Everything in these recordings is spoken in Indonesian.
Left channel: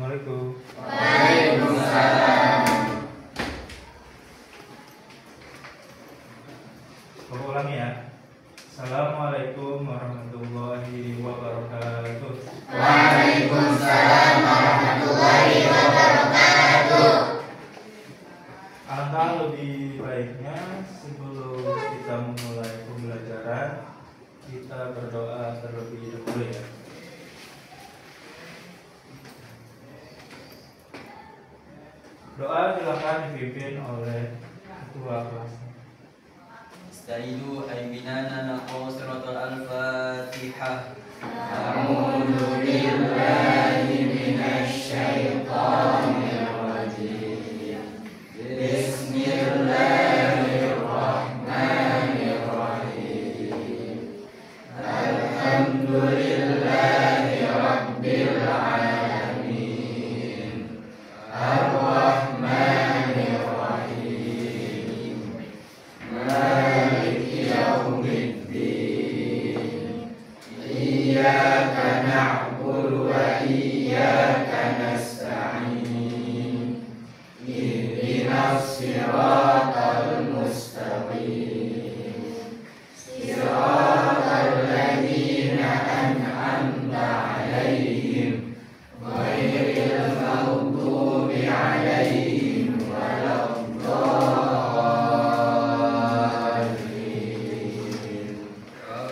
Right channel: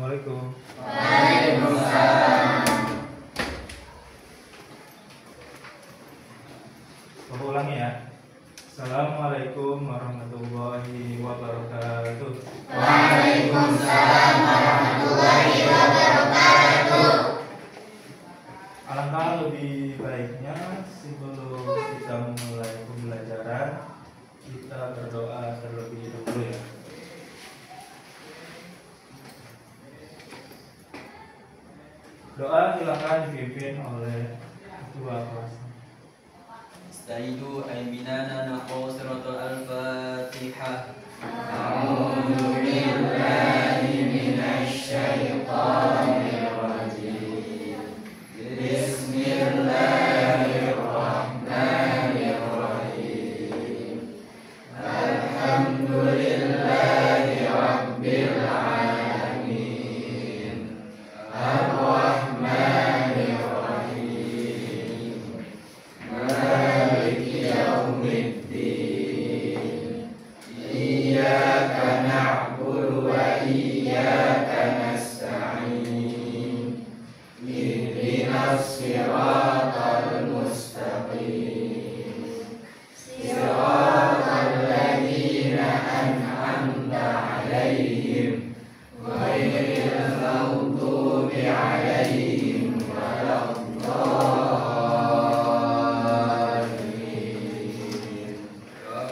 Assalamualaikum. Waalaikumsalam. Bapak ulangi ya. Assalamualaikum warahmatullahi wabarakatuh. Waalaikumsalam warahmatullahi wabarakatuh. Alangkah lebih baiknya sebelum kita memulai pembelajaran, kita berdoa terlebih dahulu ya. Doa silakan dipimpin oleh ketua kelas. Istaidu aibinana naqo suratul al-fatihah. A'udzu billahi minasy syaithanir rajim. Bismillahirrahmanirrahim. Alhamdulillahi rabbil alamin. Ar-Rahmanir Rahim. Maliki yaumiddin. Iyyaka na'budu wa iyyaka nasta'in. Ihdinas siratal mustaqim. Siratal ladzina an'amta 'alaihim ghairil maghdubi 'alaihim waladdallin.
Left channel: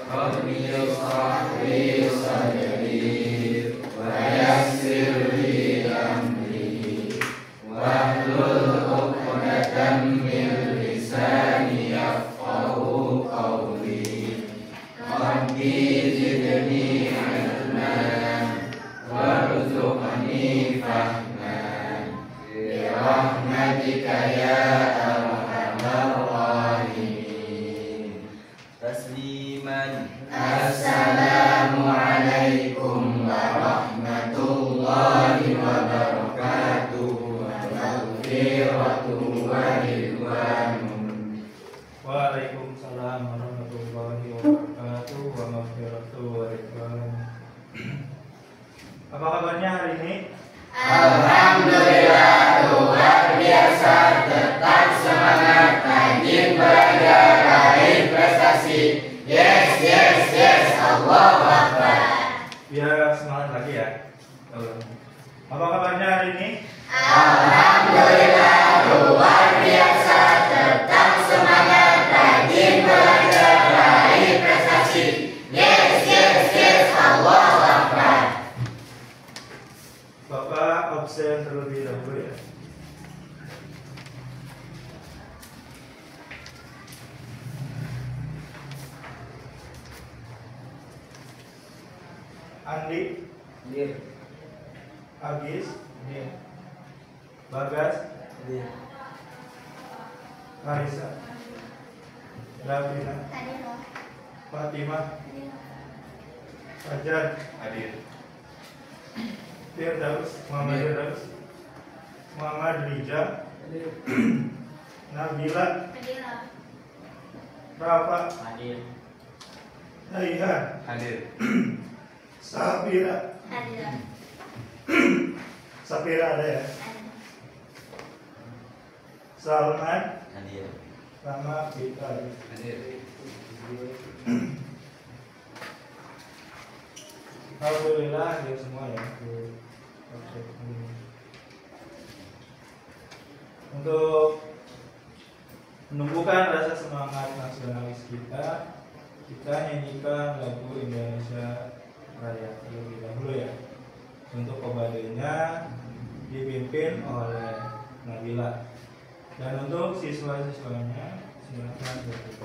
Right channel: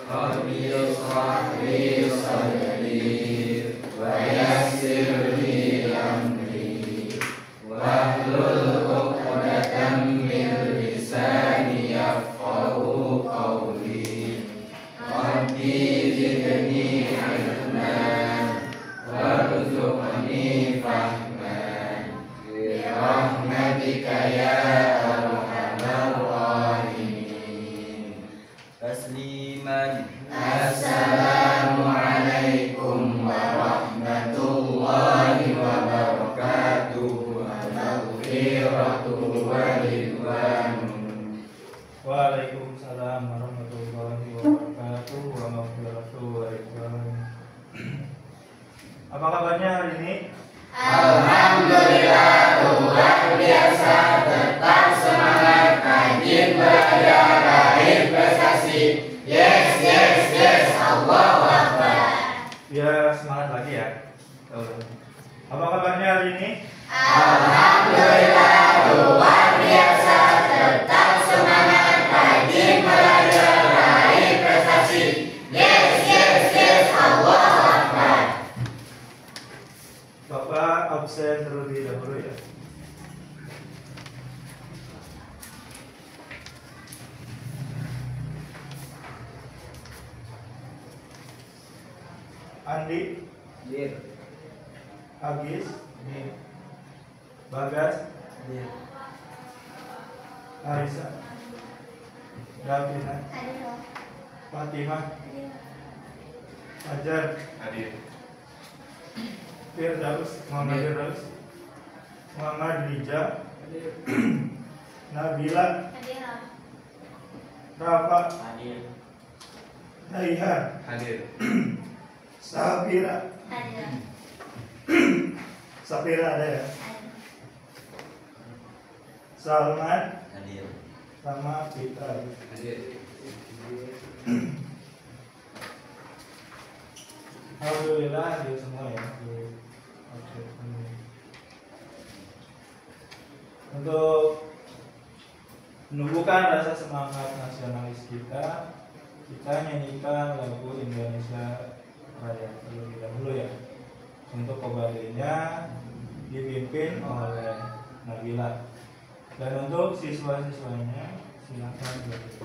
Rabbi shrah li sadri wa yassir li amri wahlul 'uqdatam min lisani yafqahu qawli. Rabbi zidni 'ilma warzuqni fahman bi rahmatika ya arhamar rahimin. Tasliman. Assalamualaikum warahmatullahi wabarakatuh. Wa maghfiratuhu wa ridwanun. Waalaikumsalam warahmatullahi wabarakatuh. Wa maghfiratuhu wa ridwan. Apa kabarnya hari ini? Alhamdulillah, luar biasa. Tetap semangat, rajin belajar, raih prestasi. Yes, yes, yes. Allahu Akbar. Biar semangat lagi ya. Apa kabarnya hari ini? Alhamdulillah, luar biasa. Tetap semangat, rajin belajar, raih prestasi. Yes, yes, yes. Allahu Akbar. Bapak absen terlebih dahulu ya. Andi, Dir. Agis, Bagas, Dir. Arisa, Davina, Fatimah, Fajar, Hadir. Firdaus, Muhammad Firdaus, Muhammad Rija, Nabila, Rafa, Hadir. Raihan, Hadir. Sapira, Sapira ada ya? Salman, Hadir. sama Fitra. Hadir. Alhamdulillah hadir semua ya. Oke. Untuk menumbuhkan rasa semangat nasionalis kita nyanyikan lagu Indonesia Raya terlebih dahulu ya. Untuk kembalinya dipimpin oleh Nabila. Dan untuk siswa-siswanya silakan berdiri.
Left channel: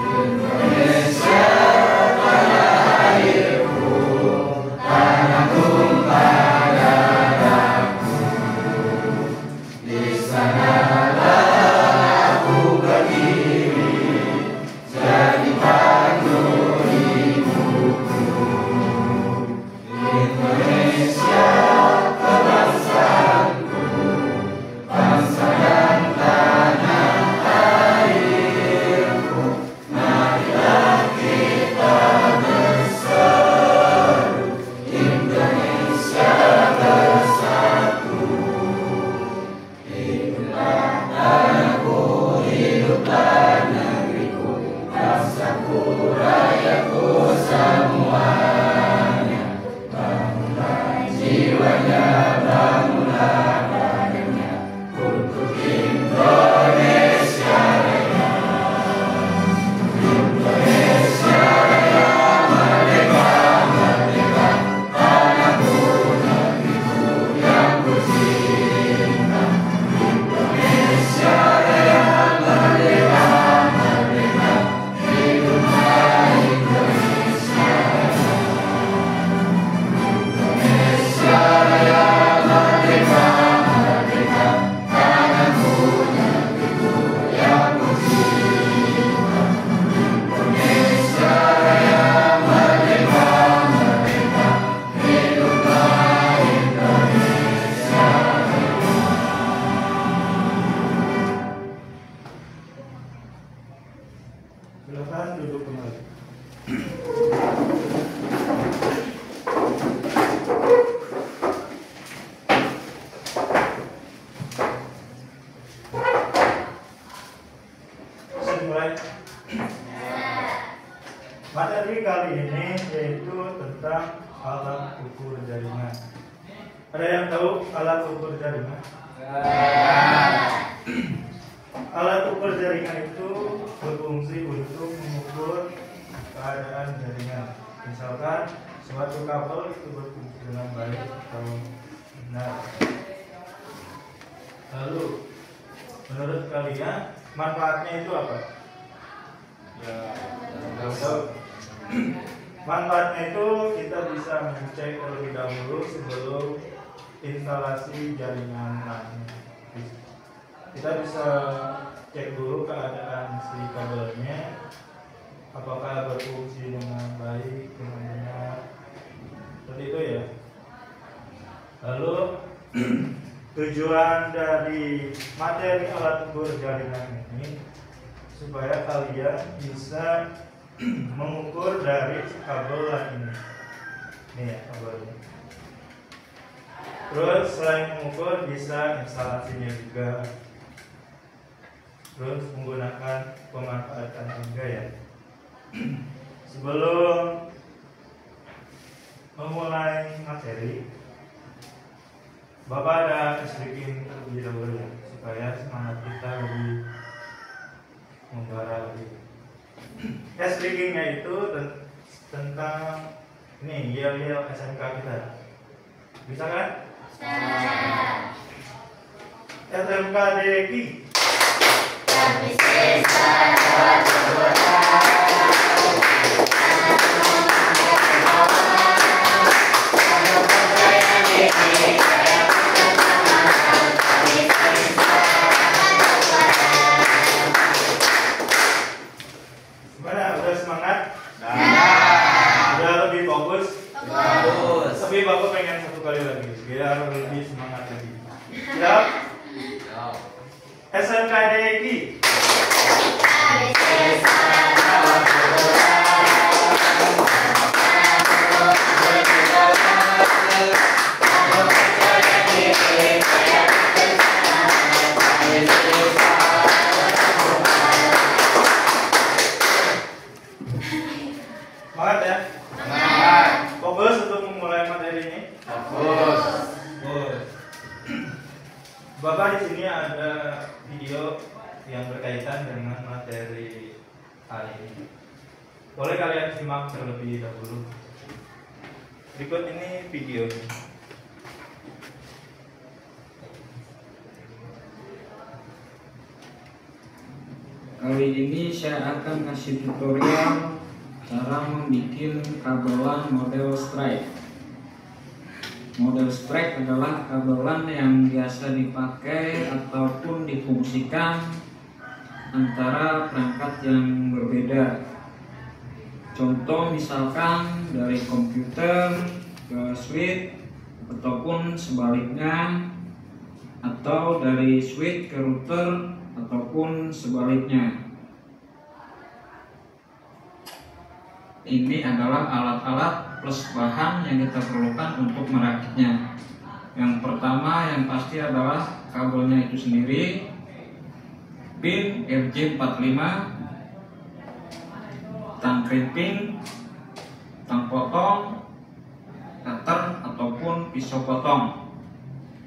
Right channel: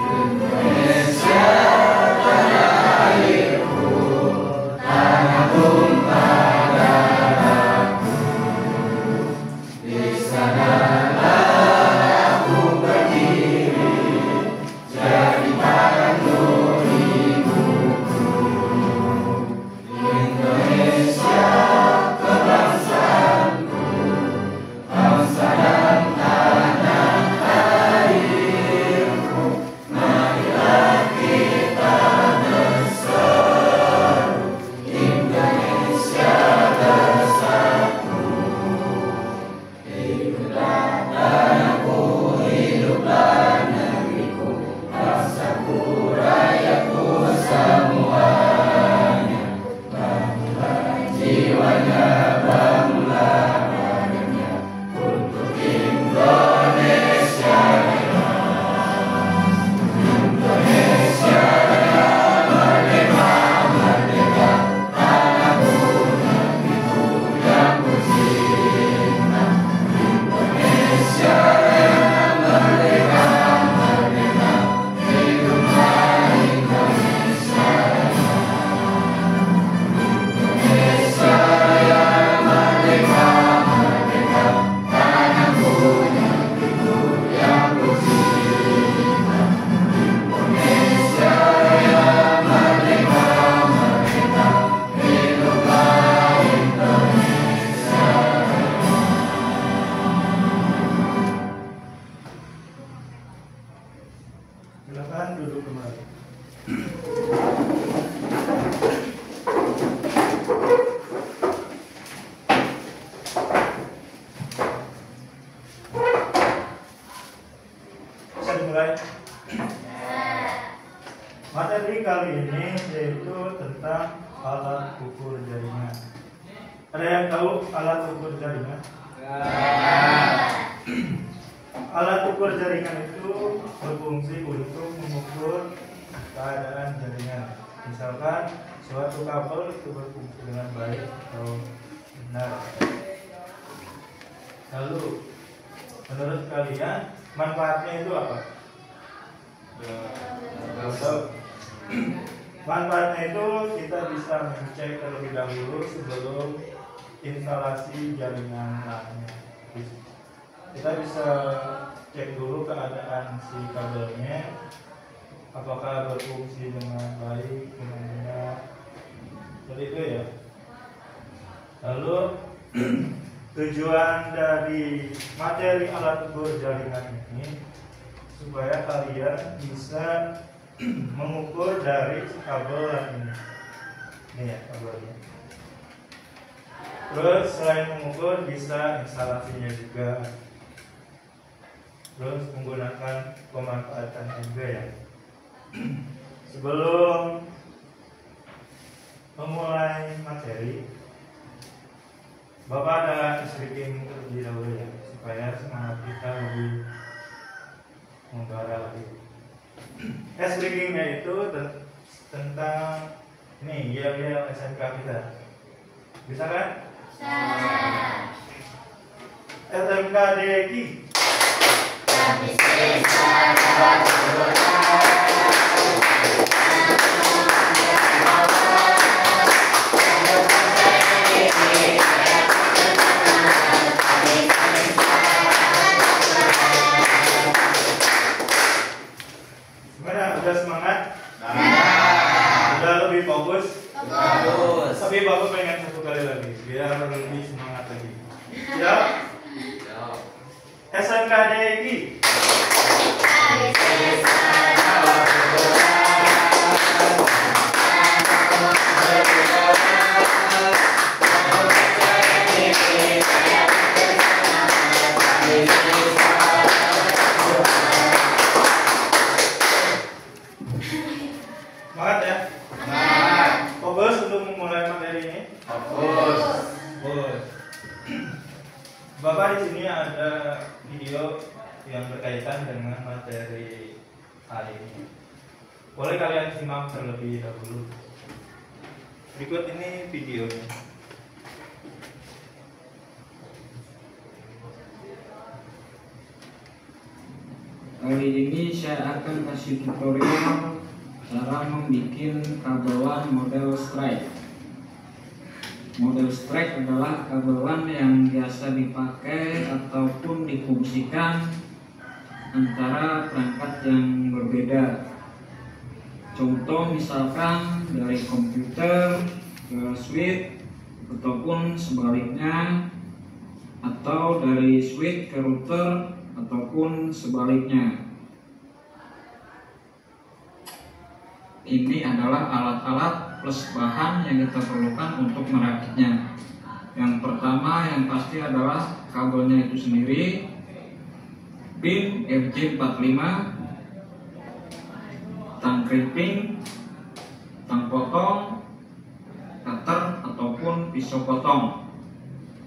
Indonesia Materi kali ini yaitu tentang alat ukur jaringan. Ada yang tahu alat ukur jaringan? Alat ukur jaringan itu berfungsi untuk mengukur keadaan jaringan. Misalkan suatu kabel itu berfungsi dengan baik atau benar. Lalu menurut kalian manfaatnya itu apa? Manfaatnya itu kita bisa mengecek terlebih dahulu sebelum instalasi jaringan lainnya. Kita bisa cek dulu keadaan si kabelnya, apakah berfungsi dengan baik, dengan benar, seperti itu ya. Lalu tujuan dari materi alat ukur jaringan ini supaya kalian bisa mengukur dari kabel ini. Ini ya kabelnya. Terus selain mengukur bisa instalasinya juga. Terus menggunakan pemanfaatan juga ya. Sebelum memulai materi, Bapak ada striking terlebih dahulu ya, supaya semangat kita lebih membara lagi. Strikingnya itu tentang ini yel-yel SMK kita. Bisa kan? SMK DKI. Gimana? Udah semangat? Udah lebih fokus? Tapi Bapak pengen satu kali lagi biar lebih semangat lagi. Siap? SMK DKI. Semangat ya? Fokus untuk memulai materi ini. Fokus. Bapak di sini ada video yang berkaitan dengan materi hari ini. Boleh kalian simak terlebih dahulu. Berikut ini videonya. Kali ini saya akan kasih tutorial cara membuat kabelan model strike. Model strike adalah kabelan yang biasa dipakai ataupun difungsikan antara perangkat yang berbeda. Contoh misalkan dari komputer ke switch ataupun sebaliknya, atau dari switch ke router ataupun sebaliknya. Ini adalah alat-alat plus bahan yang kita perlukan untuk merakitnya. Yang pertama yang pasti adalah kabelnya itu sendiri, pin RJ45, tang krimping, tang potong, cutter ataupun pisau potong.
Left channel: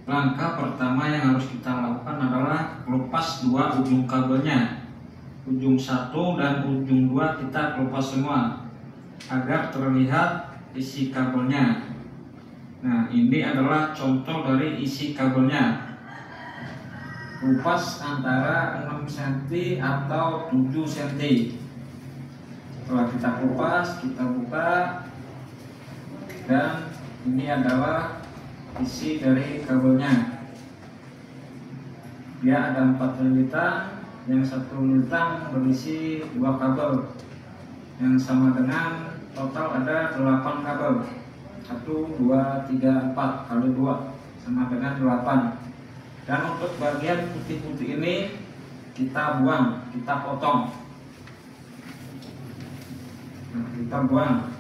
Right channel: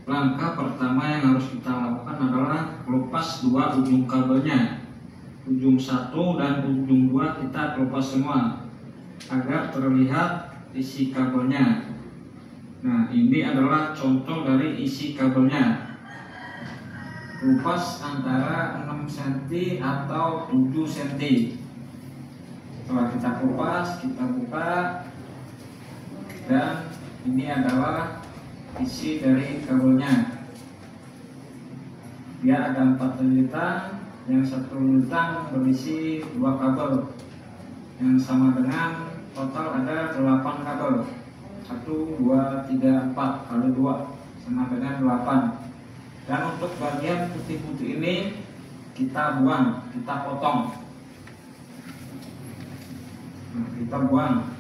Langkah pertama yang harus kita lakukan adalah lepas dua ujung kabelnya. Ujung satu dan ujung dua kita lepas semua agar terlihat isi kabelnya. Nah, ini adalah contoh dari isi kabelnya. Lepas antara 6 cm atau 7 cm. Setelah kita kupas, kita buka, dan ini adalah isi dari kabelnya. Dia ada 4 lilitan, yang satu lilitan berisi 2 kabel, yang sama dengan total ada 8 kabel. 1, 2, 3, 4 kali 2 sama dengan 8. Dan untuk bagian putih-putih ini kita buang, kita potong. Nah, kita buang.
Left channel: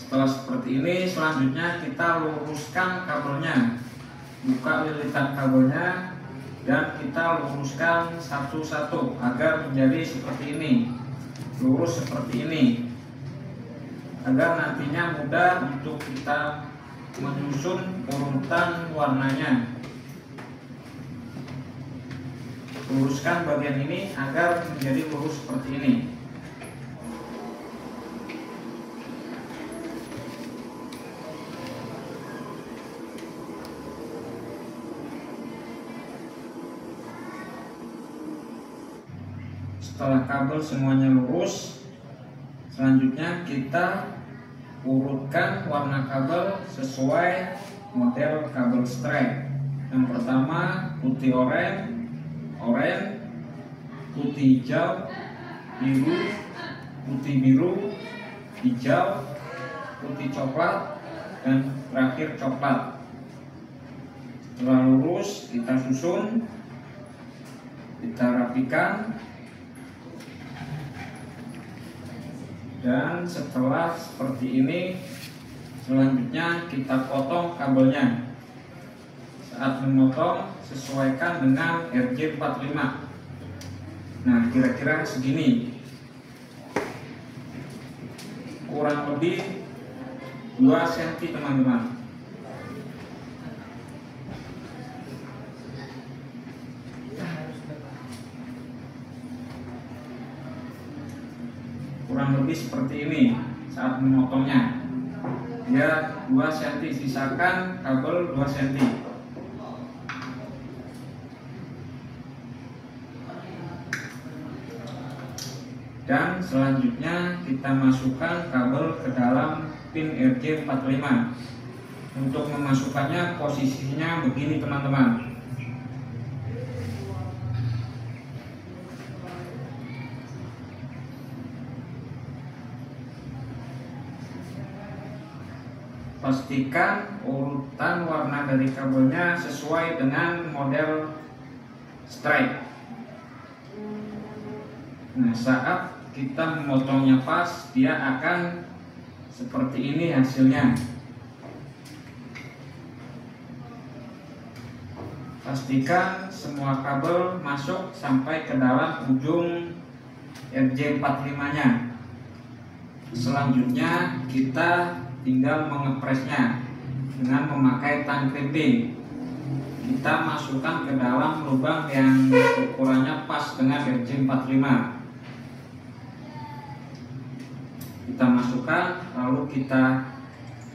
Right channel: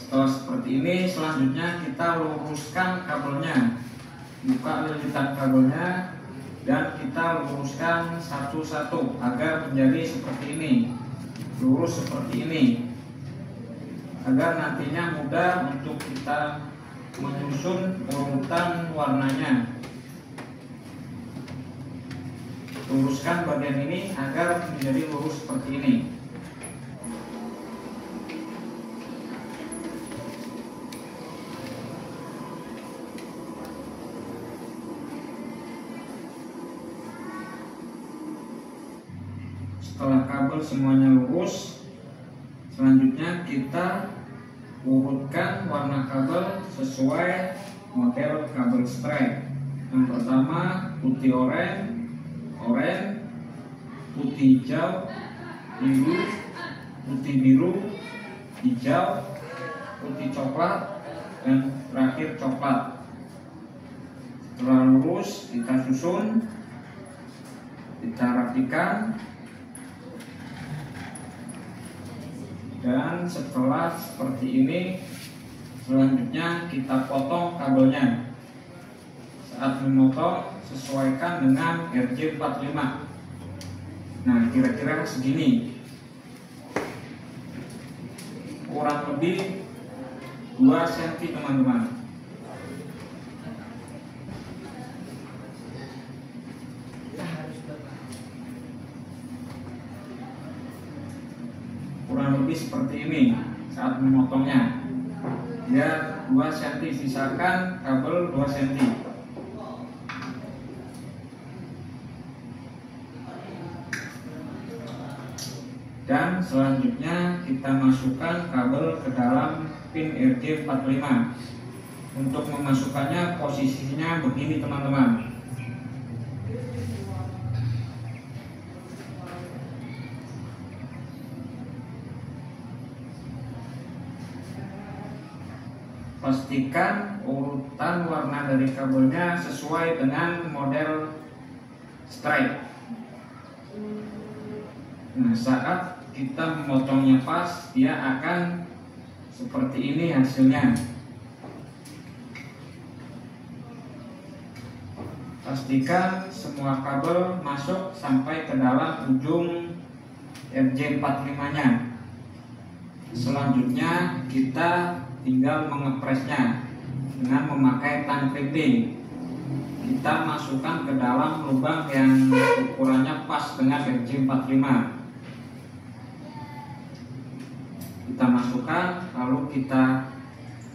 Setelah seperti ini, selanjutnya kita luruskan kabelnya. Buka lilitan kabelnya dan kita luruskan satu-satu agar menjadi seperti ini. lurus seperti ini agar nantinya mudah untuk kita menyusun urutan warnanya. Luruskan bagian ini agar menjadi lurus seperti ini. Setelah kabel semuanya lurus, selanjutnya kita urutkan warna kabel sesuai model kabel strap. Yang pertama putih oranye, putih hijau, biru, putih biru, hijau, putih coklat, dan terakhir coklat. Setelah lurus kita susun, kita rapikan, dan setelah seperti ini selanjutnya kita potong kabelnya. Saat memotong sesuaikan dengan RJ45. Nah, kira-kira segini, kurang lebih 2 cm teman-teman. Kurang lebih seperti ini saat memotongnya. Ya, 2 cm, sisakan kabel 2 cm. Dan selanjutnya kita masukkan kabel ke dalam pin RJ45. Untuk memasukkannya posisinya begini teman-teman. Pastikan urutan warna dari kabelnya sesuai dengan model stripe. Nah, saat kita memotongnya pas, dia akan seperti ini hasilnya. Pastikan semua kabel masuk sampai ke dalam ujung RJ45-nya. Selanjutnya kita tinggal mengepresnya dengan memakai tang krimping. Kita masukkan ke dalam lubang yang ukurannya pas dengan RJ45. Kita masukkan, lalu kita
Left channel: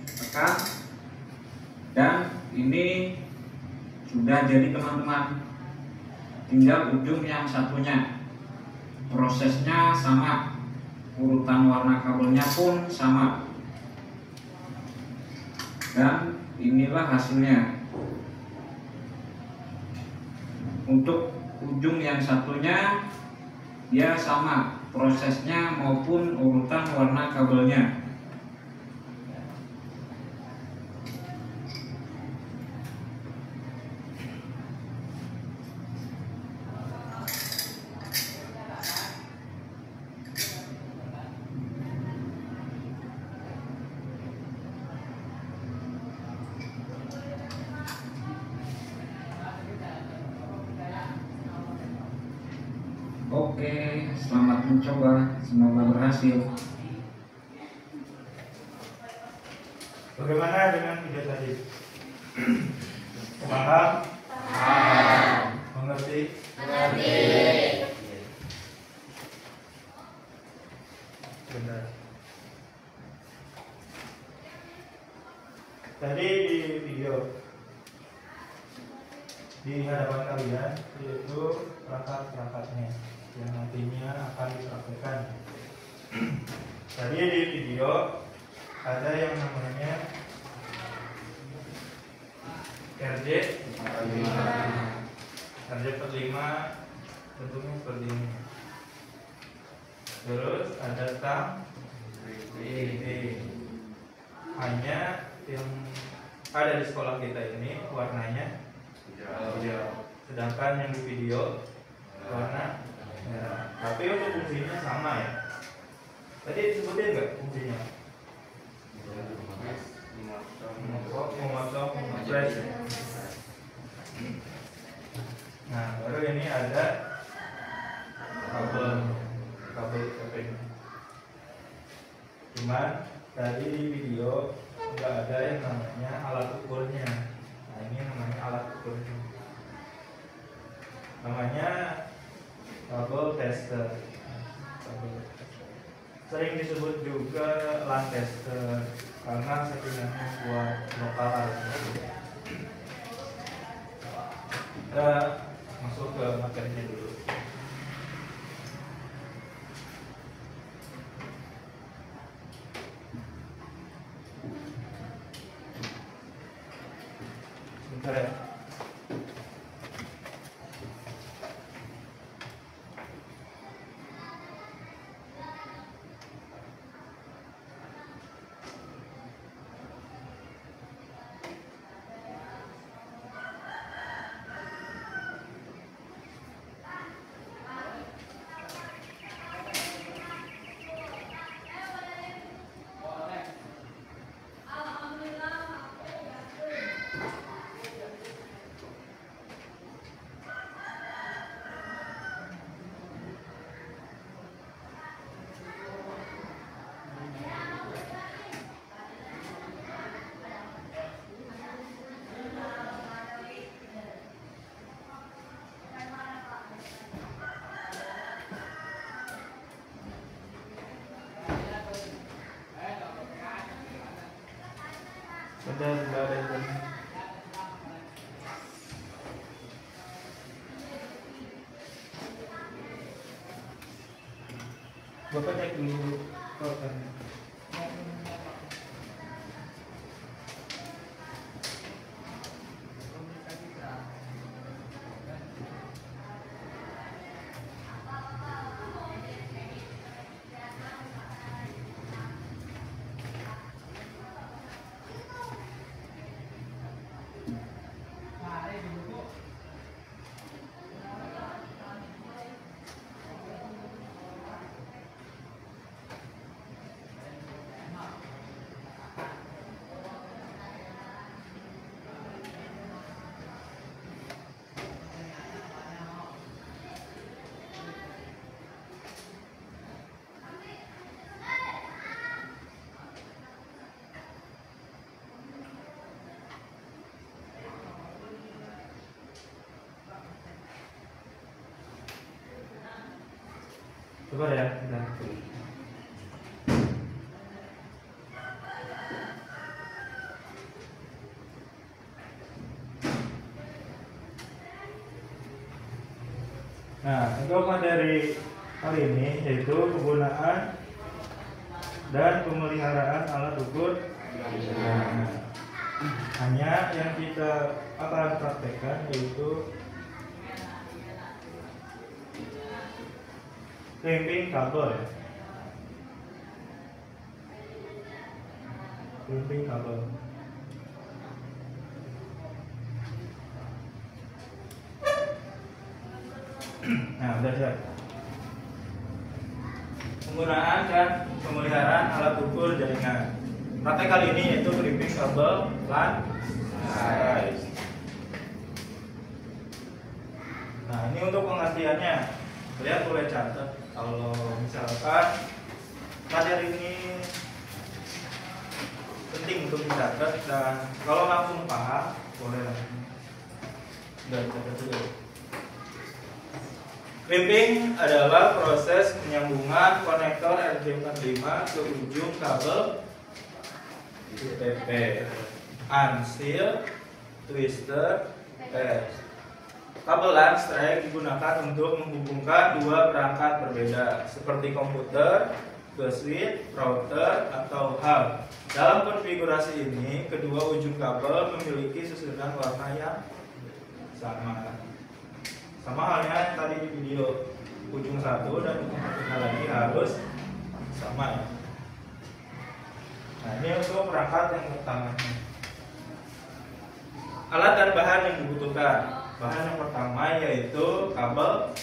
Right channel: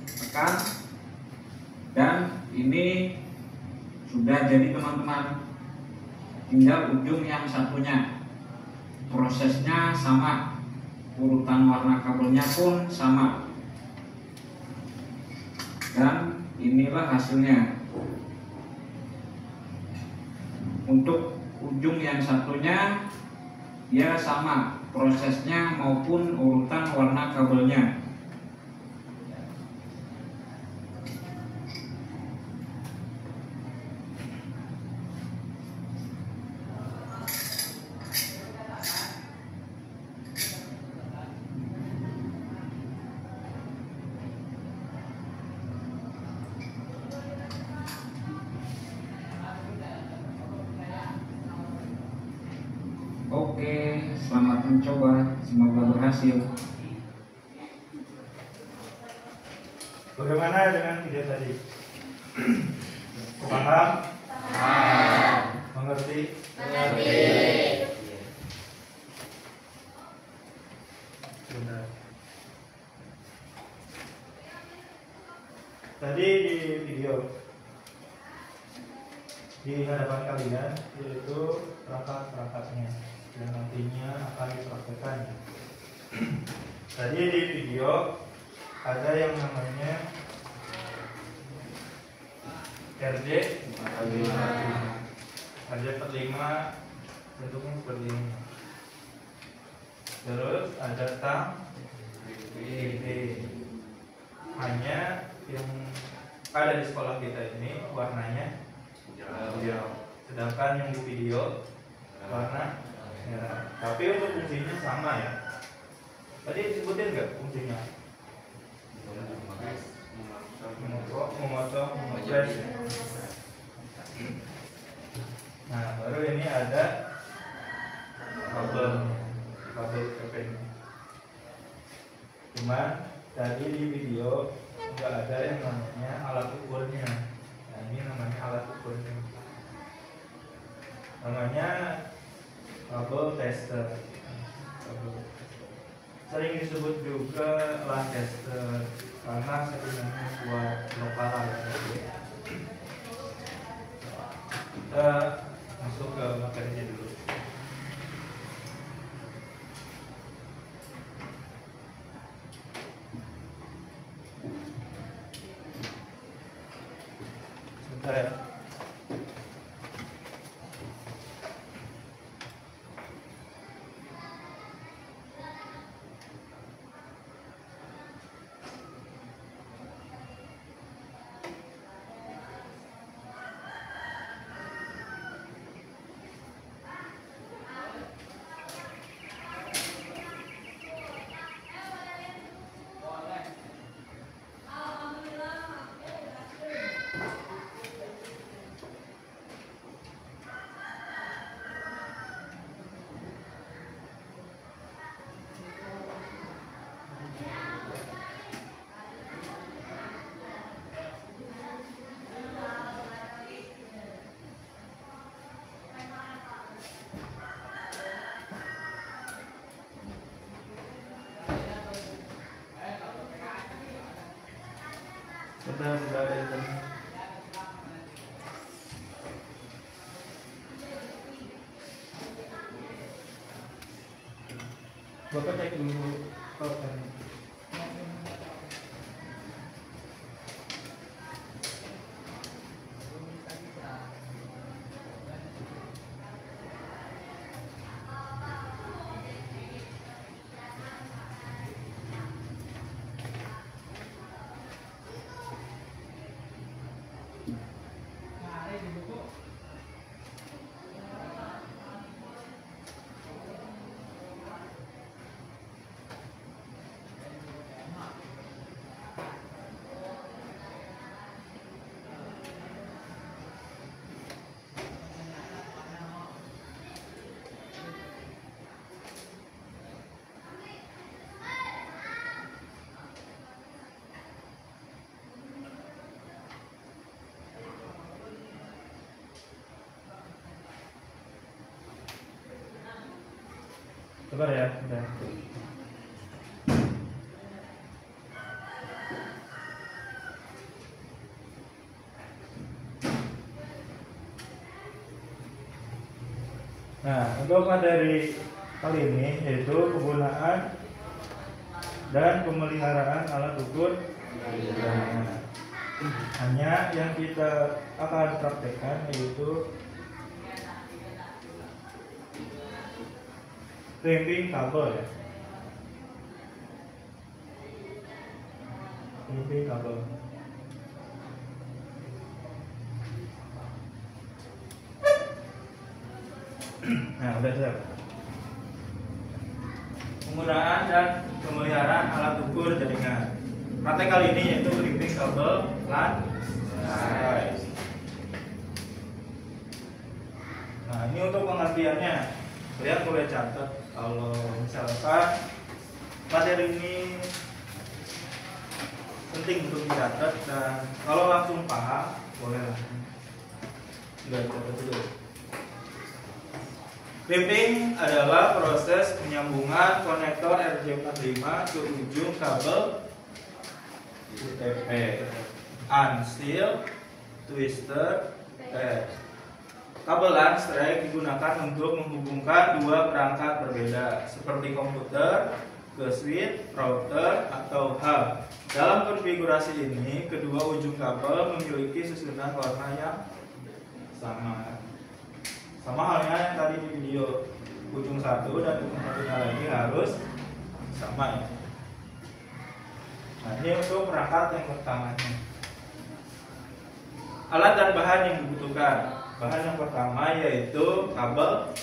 tekan, dan ini sudah jadi teman-teman. Tinggal ujung yang satunya. Prosesnya sama, urutan warna kabelnya pun sama, dan inilah hasilnya. Untuk ujung yang satunya dia sama prosesnya maupun urutan warna kabelnya. Oke, selamat mencoba, semoga berhasil. Bagaimana dengan video tadi? Paham? Mengerti? Benar. Tadi di video di hadapan kalian yaitu perangkat-perangkatnya yang nantinya akan dipraktekkan. Tadi di video ada yang namanya RJ45. RJ45 bentuknya seperti ini. Terus ada tang krimping. Hanya yang ada di sekolah kita ini warnanya hijau. Sedangkan yang di video warna merah. Tapi untuk fungsinya sama ya. Tadi disebutin nggak fungsinya? Memotong, memotret. Nah, baru ini ada kabel keping. Cuman tadi di video nggak ada yang namanya alat ukurnya. Nah ini namanya alat ukurnya, namanya bubble tester. Sering disebut juga Lancaster karena setidaknya buat lokal ya. Kita masuk ke materinya dulu. Sebentar ya. Sudah ada ini. Bapak cek dulu kan. Coba ya, udah. Nah, untuk materi kali ini yaitu penggunaan dan pemeliharaan alat ukur. Nah, hanya yang kita akan praktekkan yaitu crimping kabel. Crimping kabel. Nah, udah siap. Penggunaan dan pemeliharaan alat ukur jaringan. Praktek kali ini yaitu crimping kabel LAN. Nah, ini untuk pengertiannya. Kalian boleh catat kalau misalkan materi ini penting untuk dicatat, dan kalau langsung paham boleh langsung nggak dicatat juga. Crimping adalah proses penyambungan konektor RJ45 ke ujung kabel UTP, unseal, twister, patch. Kabel LAN strike digunakan untuk menghubungkan dua perangkat berbeda seperti komputer ke switch, router, atau hub. Dalam konfigurasi ini, kedua ujung kabel memiliki susunan warna yang sama. Sama halnya yang tadi di video, ujung satu dan ujung satunya lagi harus sama ya. Nah, ini untuk perangkat yang pertamanya. Alat dan bahan yang dibutuhkan. Bahan yang pertama yaitu kabel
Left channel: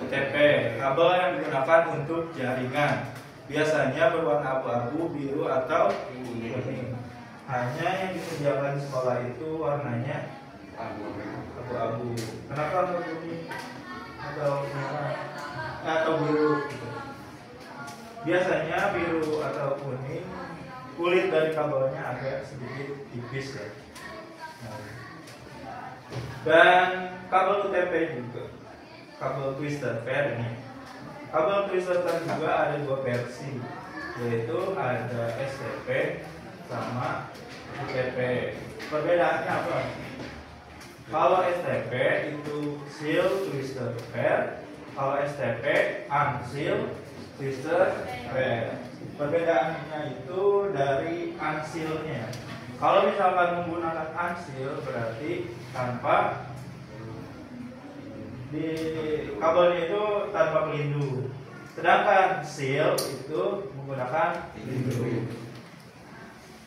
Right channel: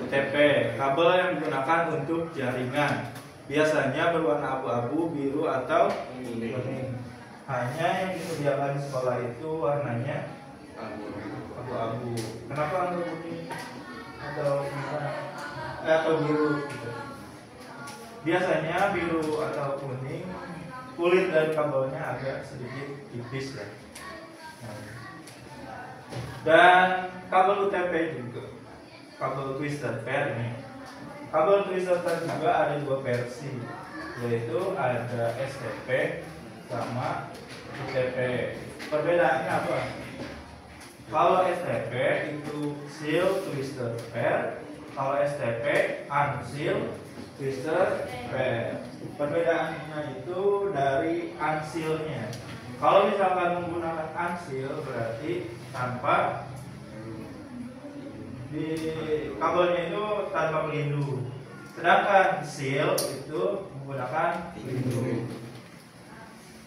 UTP, kabel yang digunakan untuk jaringan. Biasanya berwarna abu-abu, biru, atau kuning. Hanya yang disediakan di sekolah itu warnanya abu-abu. Kenapa kuning atau merah atau biru? Gitu. biasanya biru atau kuning, kulit dari kabelnya agak sedikit tipis ya. Dan kabel UTP juga, kabel twisted pair ini. Kabel twisted pair juga ada dua versi, yaitu ada STP sama UTP. Perbedaannya apa? Kalau STP itu seal twisted pair, kalau STP unseal twisted pair. Perbedaannya itu dari unsealnya. Kalau misalkan menggunakan unseal berarti tanpa di kabelnya itu tanpa pelindung. Sedangkan seal itu menggunakan pelindung.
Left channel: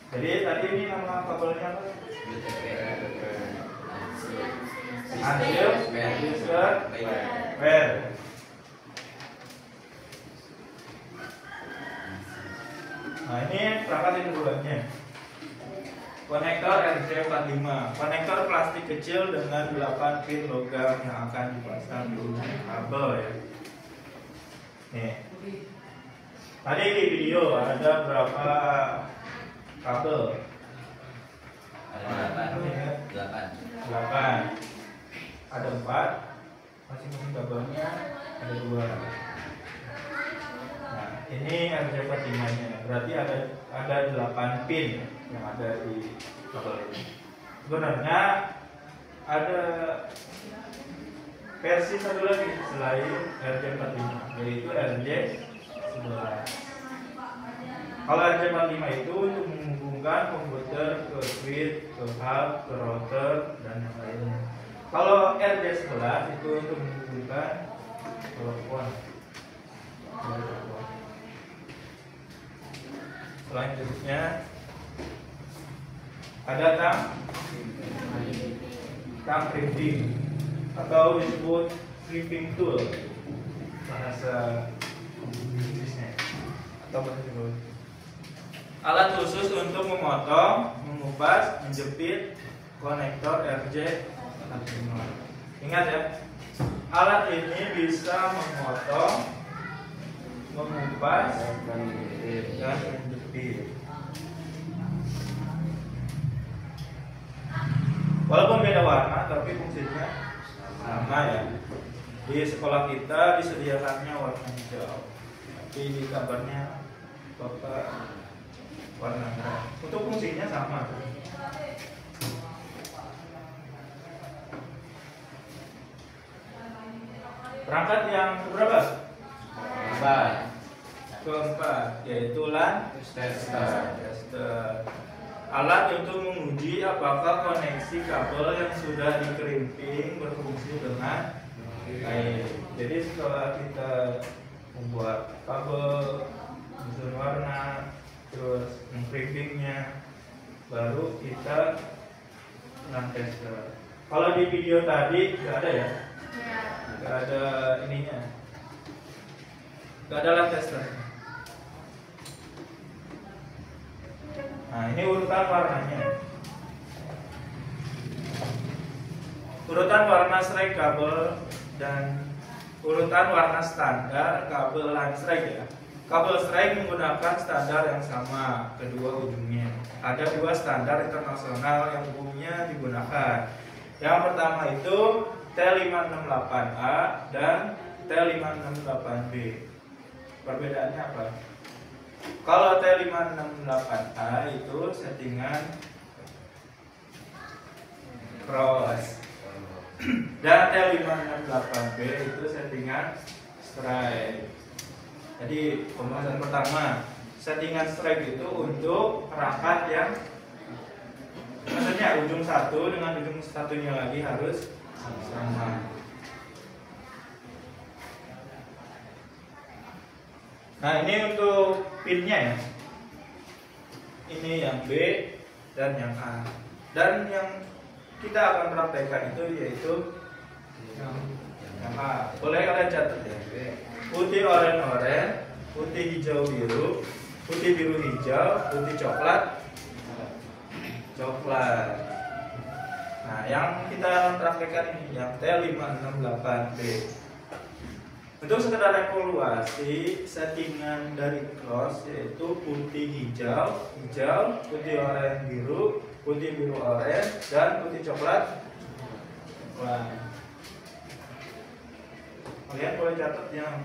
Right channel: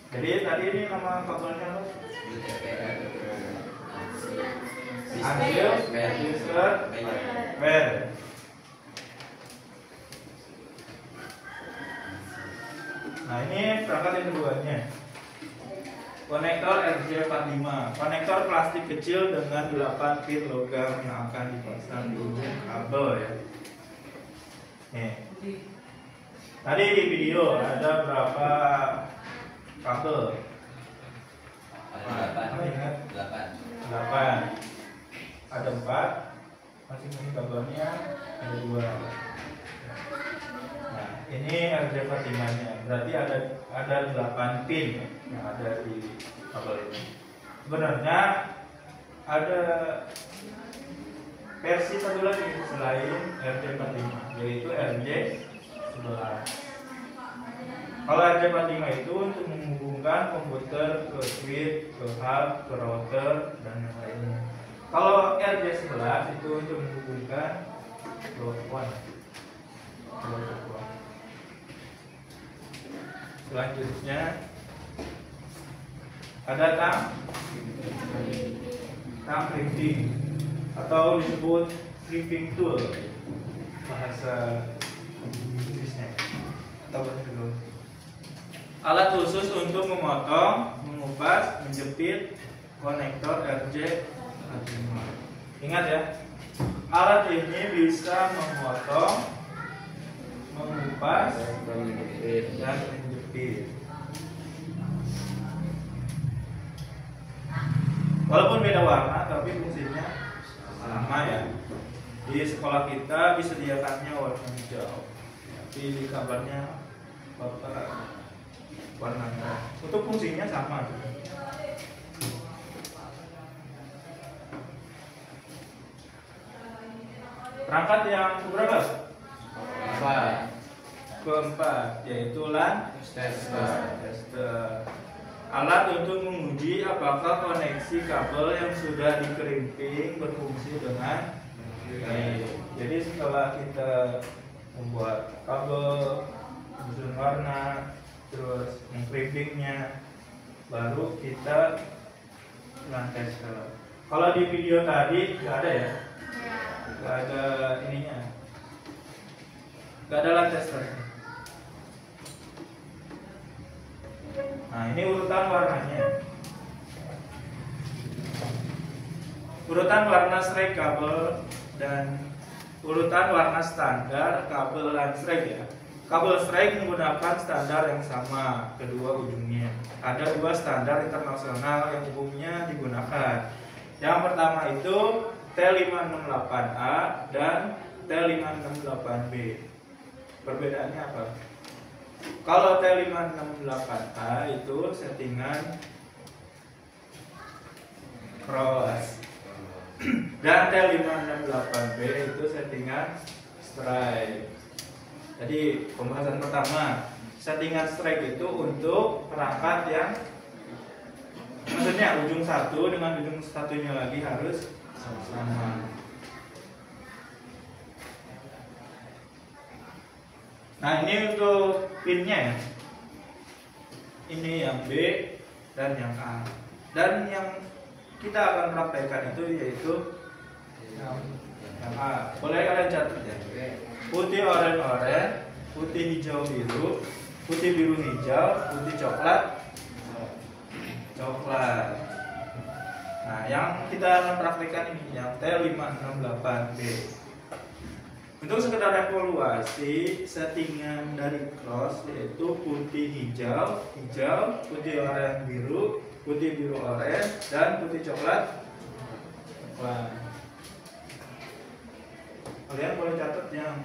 Jadi tadi ini nama kabelnya apa? Unseal twisted pair. Nah ini perangkat yang keduanya, konektor RJ45, konektor plastik kecil dengan 8 pin logam yang akan dipasang di ujung kabel ya. Nih, tadi di video ada berapa kabel? Ada 8. Ada 4, masing-masing kabelnya ada 2. Nah, ini RJ45 nya, berarti ada 8 pin yang ada di kabel ini. Sebenarnya ada versi satu lagi selain RJ45, yaitu RJ11. Kalau RJ45 itu untuk menghubungkan komputer ke switch, ke hub, ke router, dan yang lainnya. Kalau RJ11 itu untuk menghubungkan telepon. Selanjutnya ada tang crimping atau disebut crimping tool bahasa Inggrisnya atau bahasa Indonesia. Alat khusus untuk memotong, mengupas, menjepit konektor RJ45. Ingat ya, alat ini bisa memotong, mengupas, dan menjepit. Walaupun beda warna, tapi fungsinya sama ya. Di sekolah kita disediakannya warna hijau, tapi di kabarnya Bapak warna merah. Untuk fungsinya sama. Perangkat yang keberapa? Keempat, yaitu tester. Alat untuk menguji apakah koneksi kabel yang sudah dikerimping berfungsi dengan baik. Jadi setelah kita membuat kabel, menyusun warna, terus mengkerimpingnya, baru kita tester. Kalau di video tadi nggak ada ya? Nggak ada ininya, nggak ada tester. Nah ini urutan warnanya. Urutan warna strike kabel dan urutan warna standar kabel strike ya. Kabel strike menggunakan standar yang sama kedua ujungnya. Ada 2 standar internasional yang umumnya digunakan. Yang pertama itu T568A dan T568B. Perbedaannya apa? Kalau T568A itu settingan cross dan T568B itu settingan strike. Jadi pembahasan pertama, settingan strike itu untuk perangkat yang maksudnya ujung satu dengan ujung satunya lagi harus sama. Nah ini untuk pinnya ya. Ini yang B dan yang A. Dan yang kita akan praktekkan itu yaitu yang A. Boleh kalian catat ya. Putih oranye, putih hijau biru, putih biru hijau, putih coklat. Nah yang kita akan praktekkan ini yang T568B. Untuk sekedar evaluasi, settingan dari cross yaitu putih hijau, putih oranye biru, putih biru oranye, dan putih coklat. Wah. Kalian boleh catat yang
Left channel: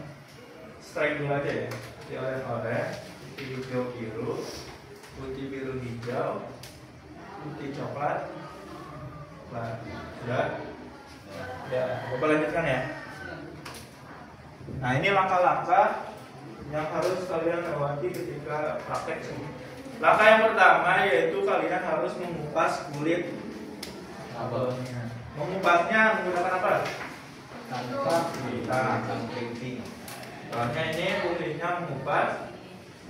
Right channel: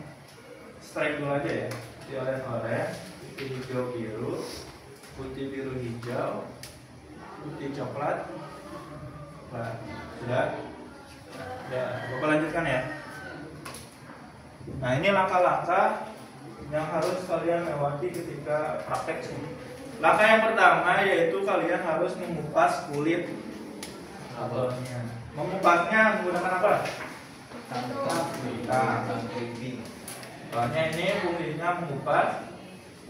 strike dulu aja ya. Putih oranye, putih hijau biru, putih biru hijau, putih coklat. Nah, sudah. Ya, Bapak lanjutkan ya. Nah, ini langkah-langkah yang harus kalian lewati ketika praktek sih. Langkah yang pertama yaitu kalian harus mengupas kulit kabelnya. Mengupasnya menggunakan apa? Soalnya ini fungsinya mengupas,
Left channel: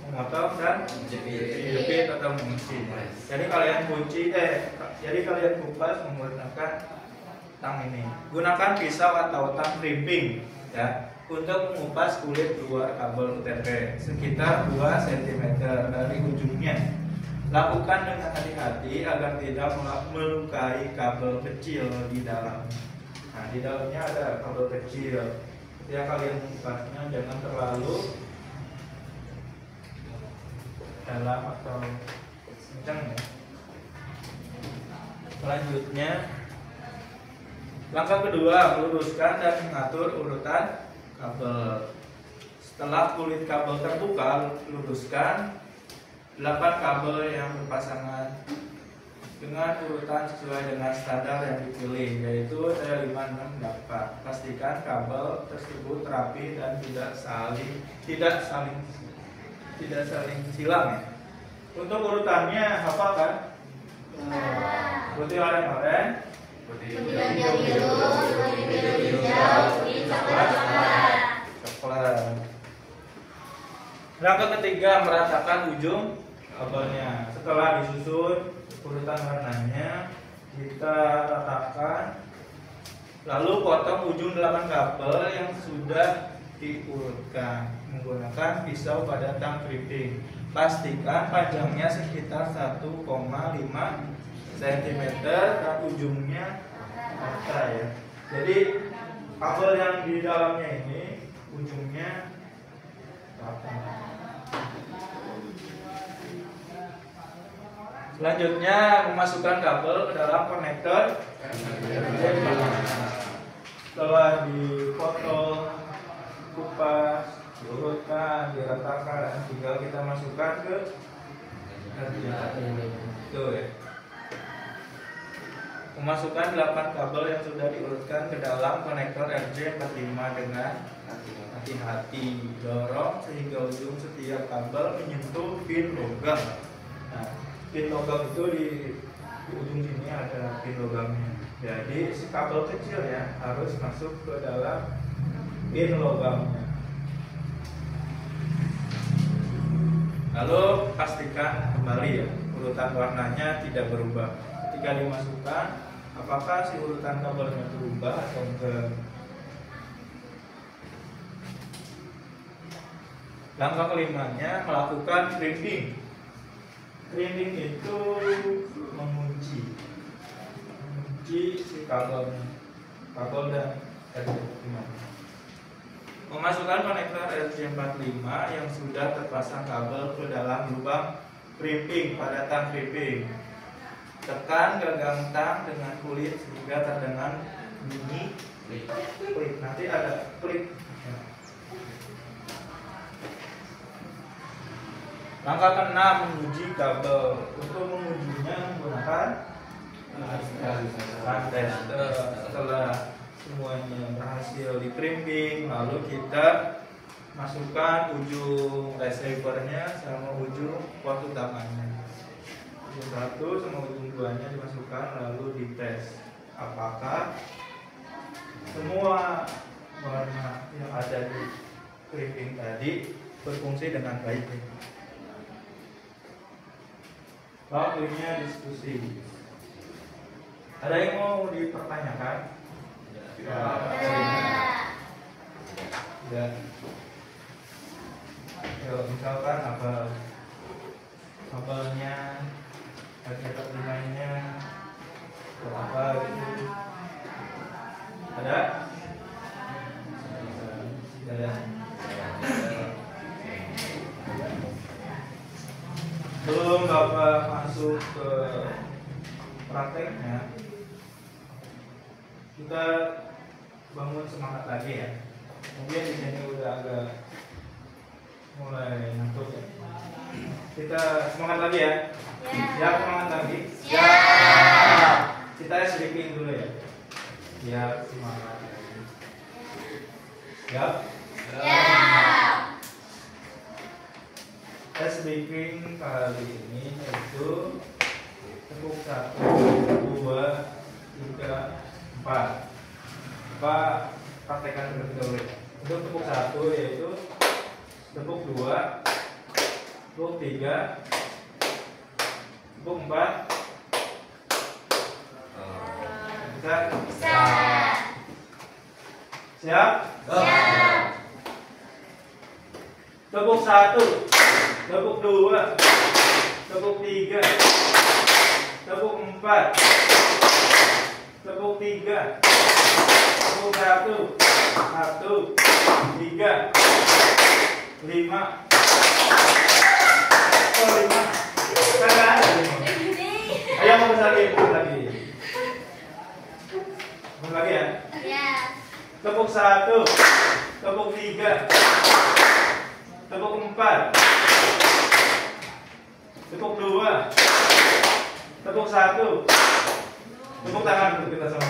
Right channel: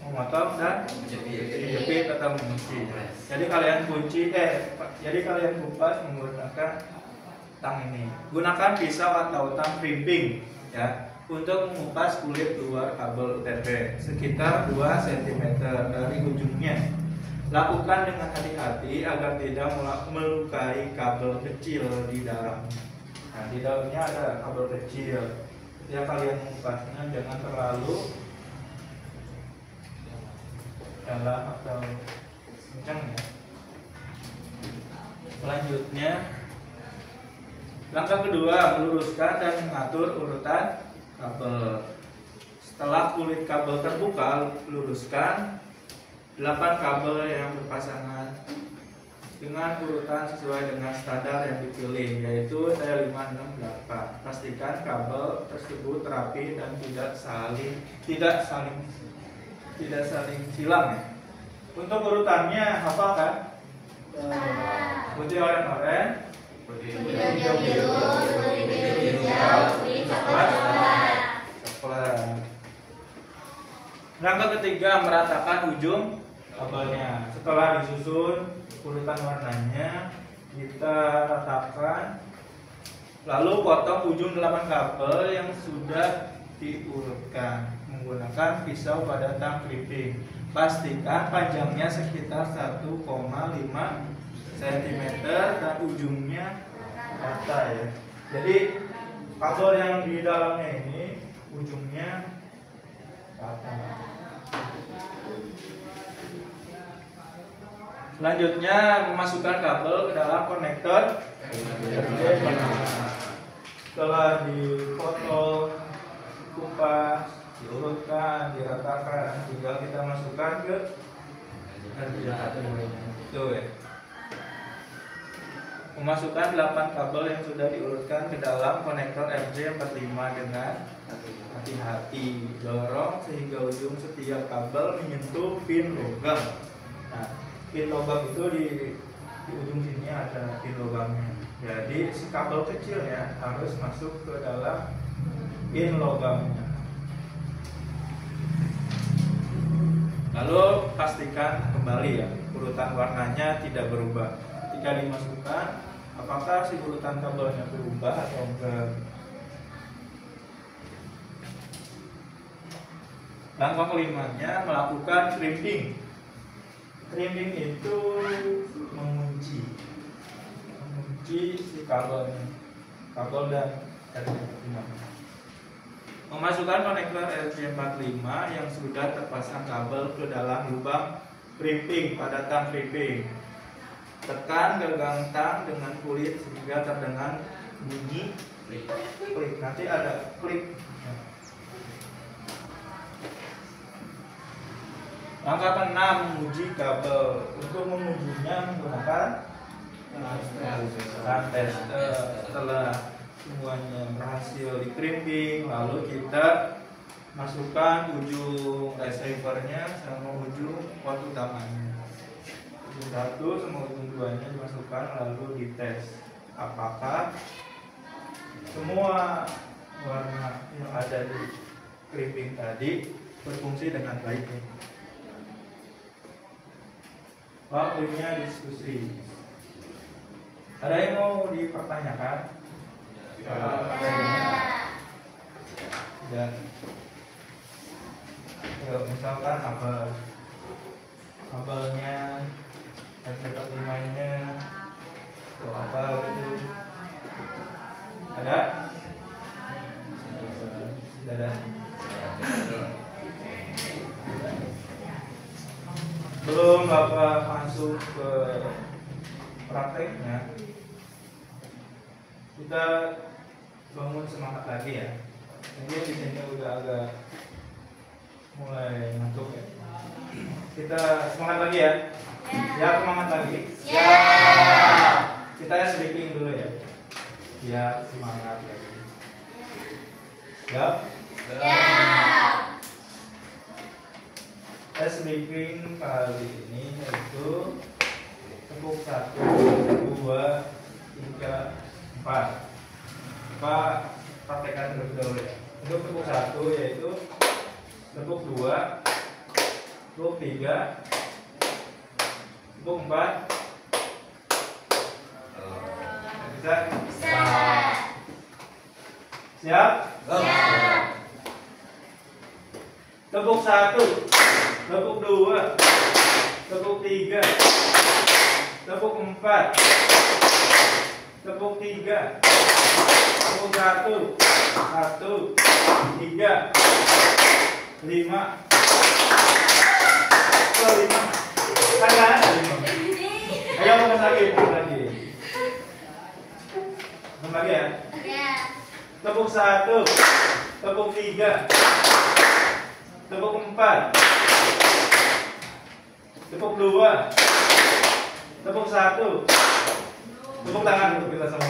memotong dan menjepit atau mengunci. Jadi kalian kupas menggunakan tang ini. Gunakan pisau atau tang crimping ya untuk mengupas kulit luar kabel UTP sekitar 2 cm dari ujungnya. Lakukan dengan hati-hati agar tidak melukai kabel kecil di dalam. Nah, di dalamnya ada kabel kecil. Ya, kalian mengupasnya jangan terlalu dalam atau kencang ya. Selanjutnya, langkah kedua, luruskan dan mengatur urutan kabel. Setelah kulit kabel terbuka, luruskan 8 kabel yang berpasangan dengan urutan sesuai dengan standar yang dipilih, yaitu 5, 6, 8. Pastikan kabel tersebut rapi dan tidak saling silang ya. Untuk urutannya apakah? Putih oranye, putih hijau biru, putih biru hijau, putih coklat. Langkah ketiga, meratakan ujung kabelnya. Setelah disusun urutan warnanya, kita ratakan. Lalu potong ujung 8 kabel yang sudah diurutkan menggunakan pisau pada tang crimping. Pastikan panjangnya sekitar 1,5 cm dan ujungnya rata ya. Jadi kabel yang di dalamnya ini ujungnya rata. Selanjutnya memasukkan kabel ke dalam konektor. Setelah dipotong, kupas, diurutkan, diratakan, tinggal kita masukkan ke itu ya. Memasukkan 8 kabel yang sudah diurutkan ke dalam konektor RJ45 dengan hati-hati. Dorong sehingga ujung setiap kabel menyentuh pin logam. Nah, pin logam itu di ujung sini ada pin logamnya. Jadi si kabel kecil ya harus masuk ke dalam pin logamnya. Lalu pastikan kembali ya urutan warnanya tidak berubah. Ketika dimasukkan, apakah si urutan kabelnya berubah atau enggak? Langkah kelimanya melakukan crimping. Crimping itu mengunci si kabelnya, kabel dan RJ45. Memasukkan konektor RJ45 yang sudah terpasang kabel ke dalam lubang crimping pada tang crimping. Tekan gagang tang dengan kulit sehingga terdengar bunyi klik. Nanti ada klik. Langkah ke-6, menguji kabel. Untuk mengujinya menggunakan tester. Setelah semuanya berhasil di crimping, lalu kita masukkan ujung receivernya sama ujung port utamanya. Ujung 1 sama ujung 2-nya dimasukkan, lalu dites apakah semua warna yang ada di crimping tadi berfungsi dengan baik. Waktunya diskusi. Ada yang mau dipertanyakan? Dan misalkan kabelnya RJ45-nya atau apa gitu. Ada? Sudah. Belum Bapak masuk ke prakteknya, kita bangun semangat lagi ya. Mungkin di sini udah agak mulai ngantuk ya. Kita semangat lagi ya. Ya, semangat lagi. Ya. Kita sleeping dulu ya. Ya, semangat lagi. Siap? Ya. Sleeping kali ini itu tepuk 1, 2, 3, 4. Pak praktekkan terlebih dahulu ya. Untuk tepuk 1 yaitu tepuk 2, tepuk 3, tepuk 4. Bisa? Bisa. Siap? Siap. Tepuk 1, tepuk 2, tepuk 3, tepuk 4, tepuk 3, tepuk 1, 3, 5. Oh, 5. Saya ada 5. Ayo fokus lagi, fokus lagi. Fokus lagi ya. Ya. Tepuk 1, tepuk 3, tepuk 4, tepuk 2, tepuk 1. Tepuk tangan untuk kita semua.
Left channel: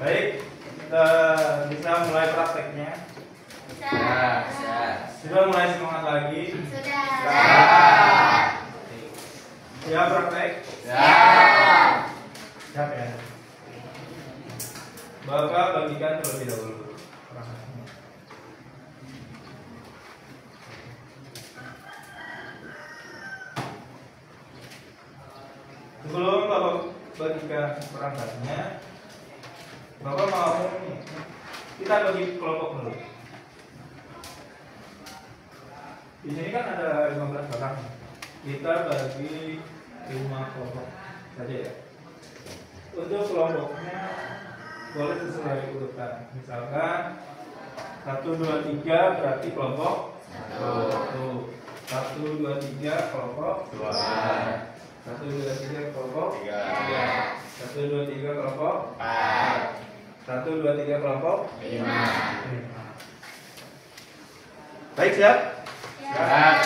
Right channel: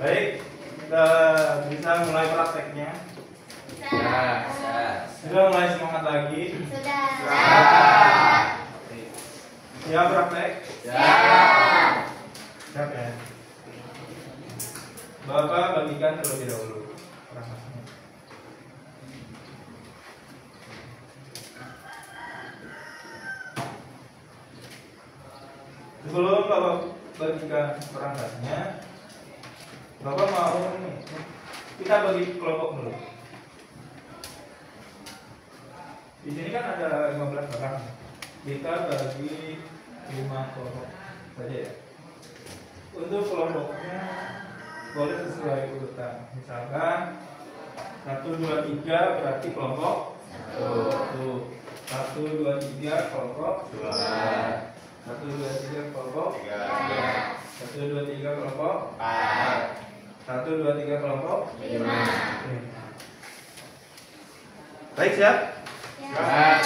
Baik, kita bisa mulai prakteknya. Bisa. Sudah mulai semangat lagi. Sudah. Siap praktek? Siap. Siap ya. Bapak bagikan terlebih dahulu perangkatnya. Sebelum Bapak bagikan perangkatnya, Bapak mau nih, kita bagi kelompok dulu. Di sini kan ada 15 orang. Kita bagi 5 kelompok saja ya. Untuk kelompoknya boleh sesuai urutan. Misalkan 1, 2, 3 berarti kelompok 1. 1, 2, 3 kelompok 2. 1, 2, 3 kelompok 3. 1, 2, 3 kelompok 4. 1, 2, 3 kelompok 5. Baik, siap? Siap.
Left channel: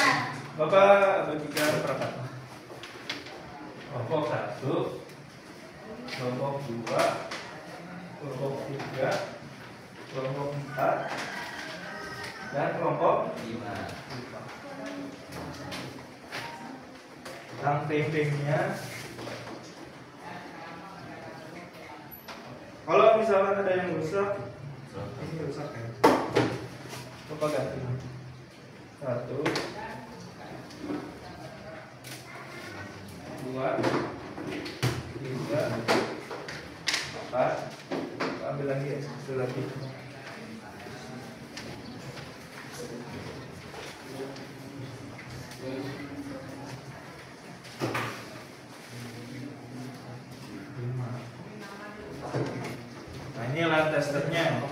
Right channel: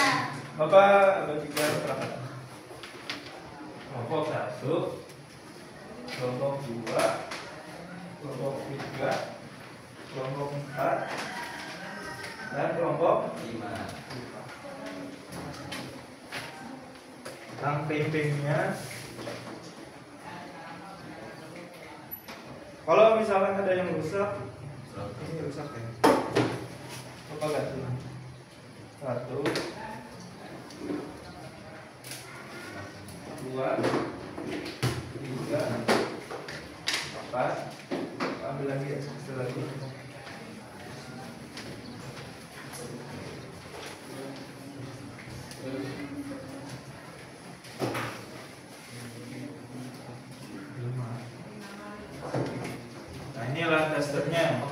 Bapak bagikan perangkatnya. Kelompok 1, kelompok 2, kelompok 3, kelompok 4, dan kelompok 5. Ranting-rantingnya, kalau misalkan ada yang rusak, ini rusak ya. Bapak ganti. 1, 2, 3, 4. Ambil lagi ya, ambil lagi. Nah, ini lantas stepnya.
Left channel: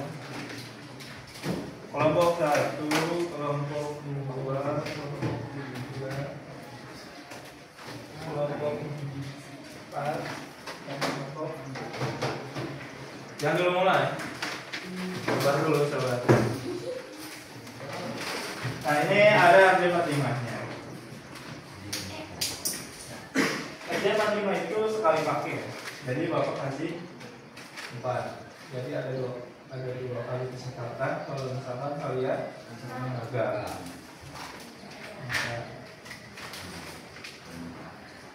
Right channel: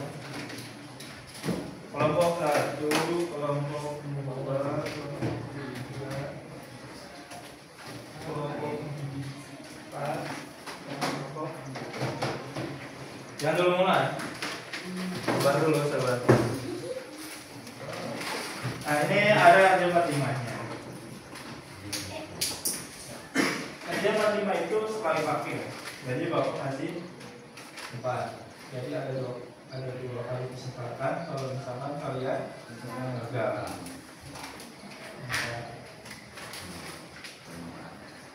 Kelompok 1, kelompok 2, kelompok 3, kelompok 4, kelompok. Jangan dulu mulai. Sabar dulu, sabar. Nah, ini ada RJ45-nya. RJ45 itu sekali pakai. Jadi Bapak kasih 4. Jadi ada dua kali kesempatan kalau misalkan kalian gagal.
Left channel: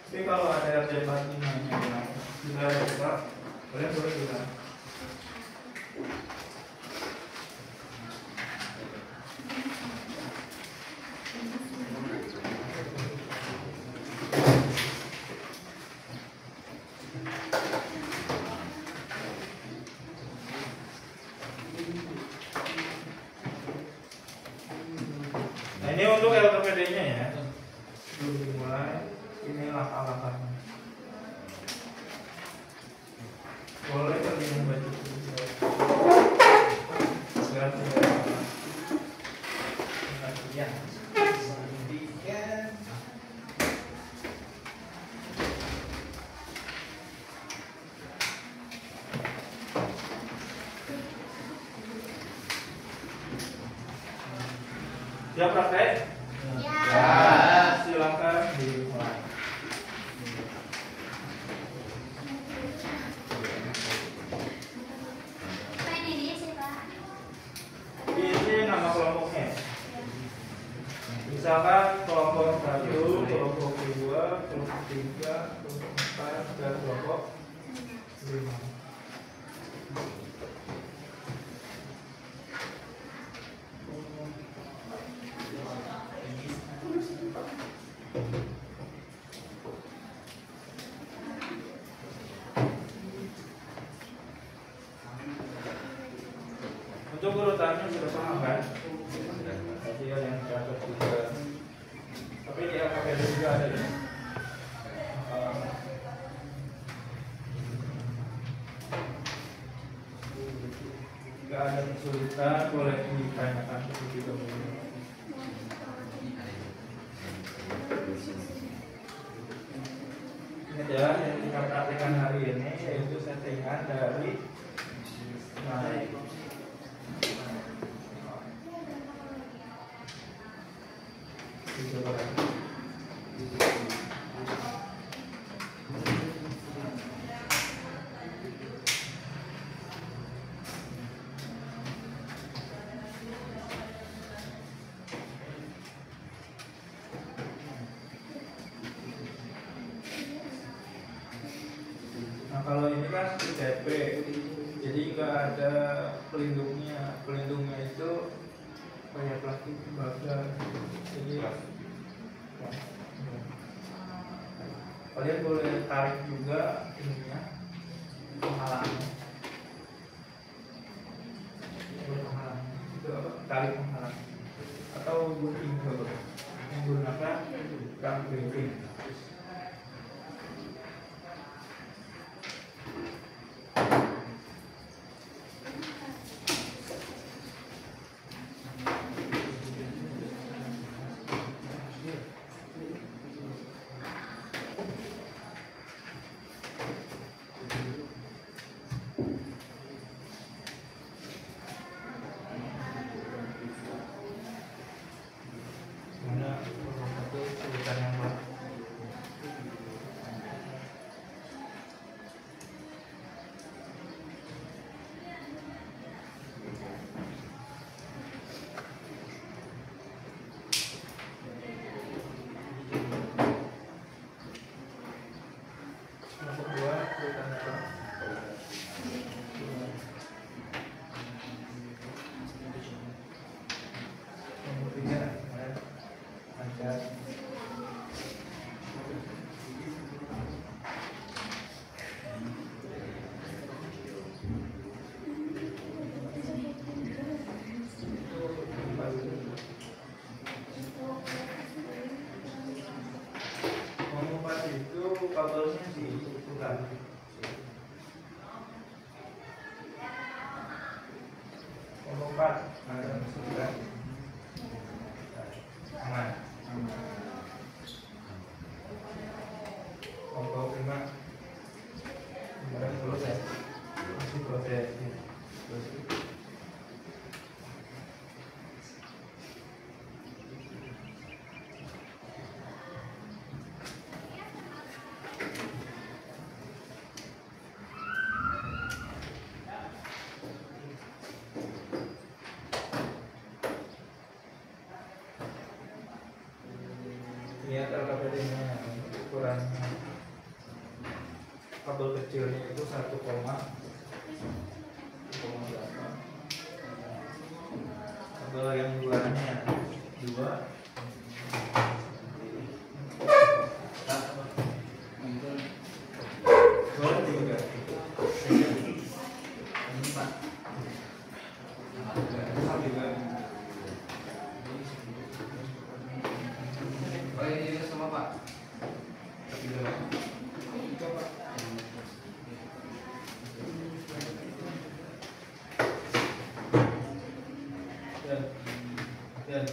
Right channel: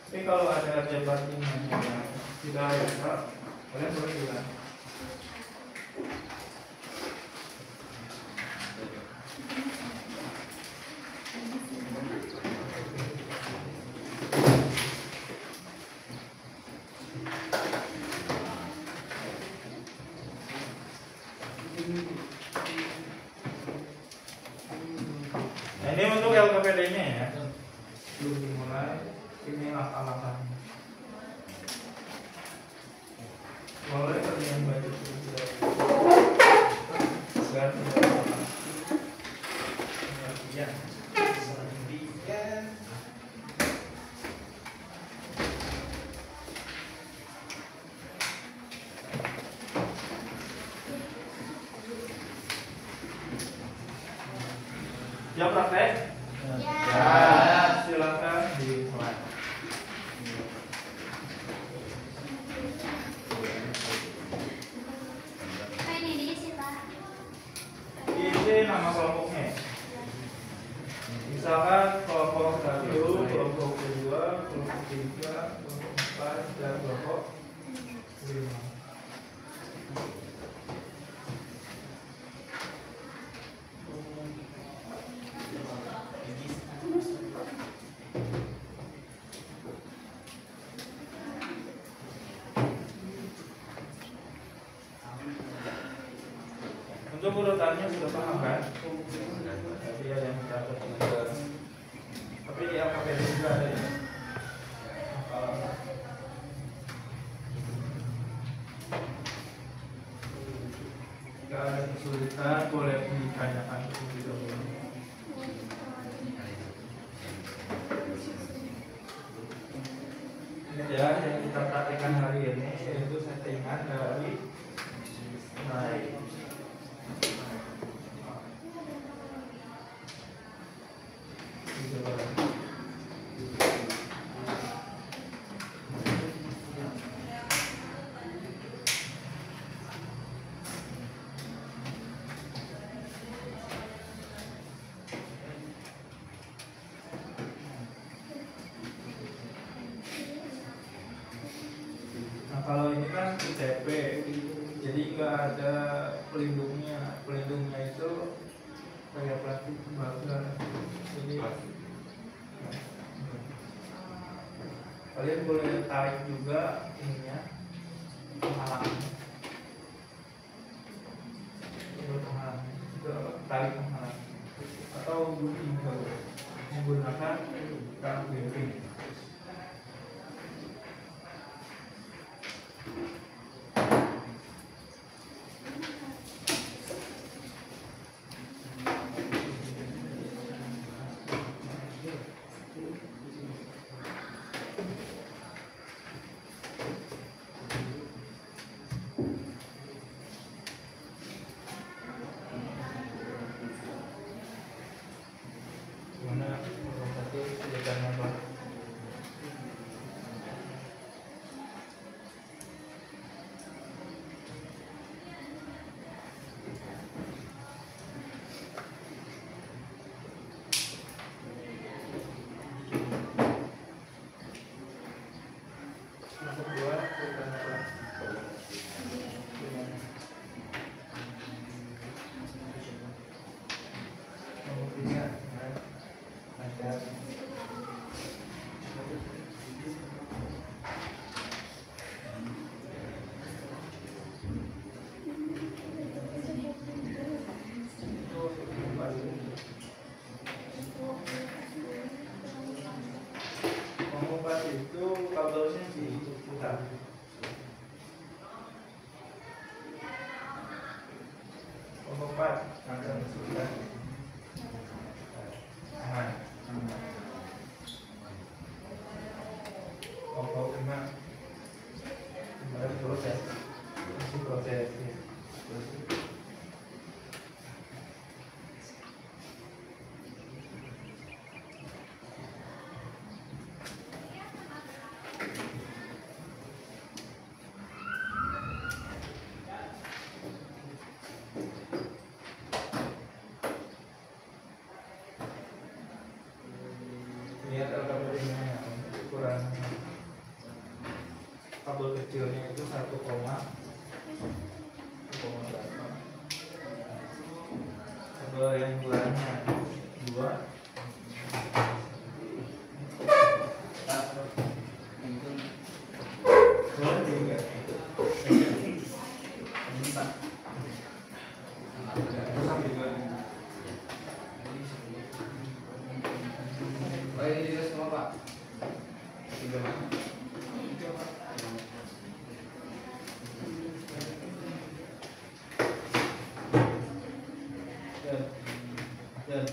Tapi kalau ada RJ45 yang tidak bisa, kalian boleh bilang. Nah, ini untuk LKPD-nya ya. Sebelum dimulai, ini langkah-langkahnya. Siap praktek? Ya, silakan dimulai. Ini nama kelompoknya. Misalkan kelompok 1, kelompok 2, kelompok 3, kelompok 4, dan kelompok 5. Untuk urutannya sudah paham kan? Tadi ada yang catat juga. Tapi yang pakai juga ada ya. Jika ada kesulitan boleh ditanyakan terlebih dahulu. Ini ya yang kita praktekkan hari ini yaitu settingan dari naik. Nah kalau ini kan ITP, jadi nggak ada pelindungnya. Pelindungnya itu kayak plastik tembaga. Jadi kalian boleh tarik juga ininya, penghalangnya. Tarik penghalang atau gunting menggunakan rang gunting. Mana nomor 1 sebutannya apa? Nomor 2 sebutannya apa? Nomor 3 ada. Mengumpat itu kabelnya diputar. Mengumpat ada sudah aman. Kelompok 5 kemarin proses masih proses ya. Lihat LKPD-nya ukurannya. Kabel kecilnya itu 1,8. Kabel yang bulannya 2. Boleh juga. Ini Pak. Oh ini juga sama Pak. Dan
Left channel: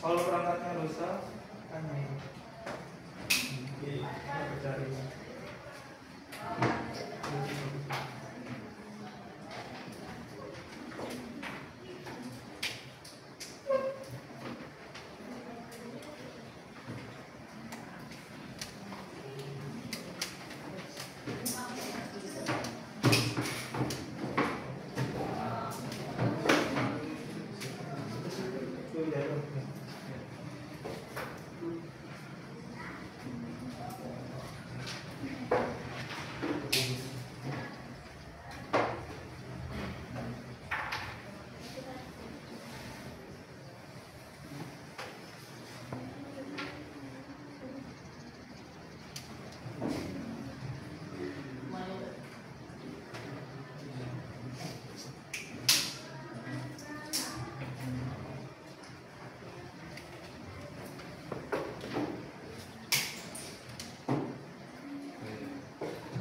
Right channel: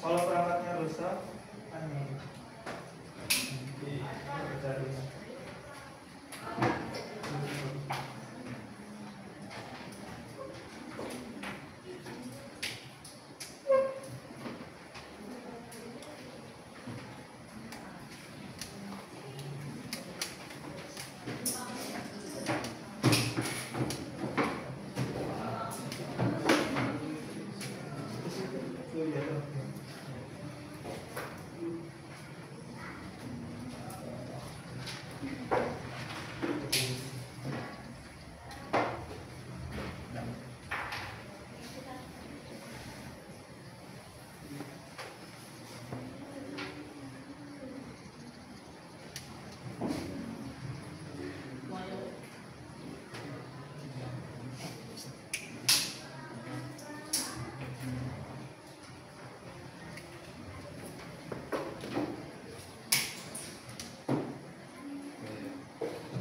Kalau perangkatnya rusak, aneh. Nanti aku cari.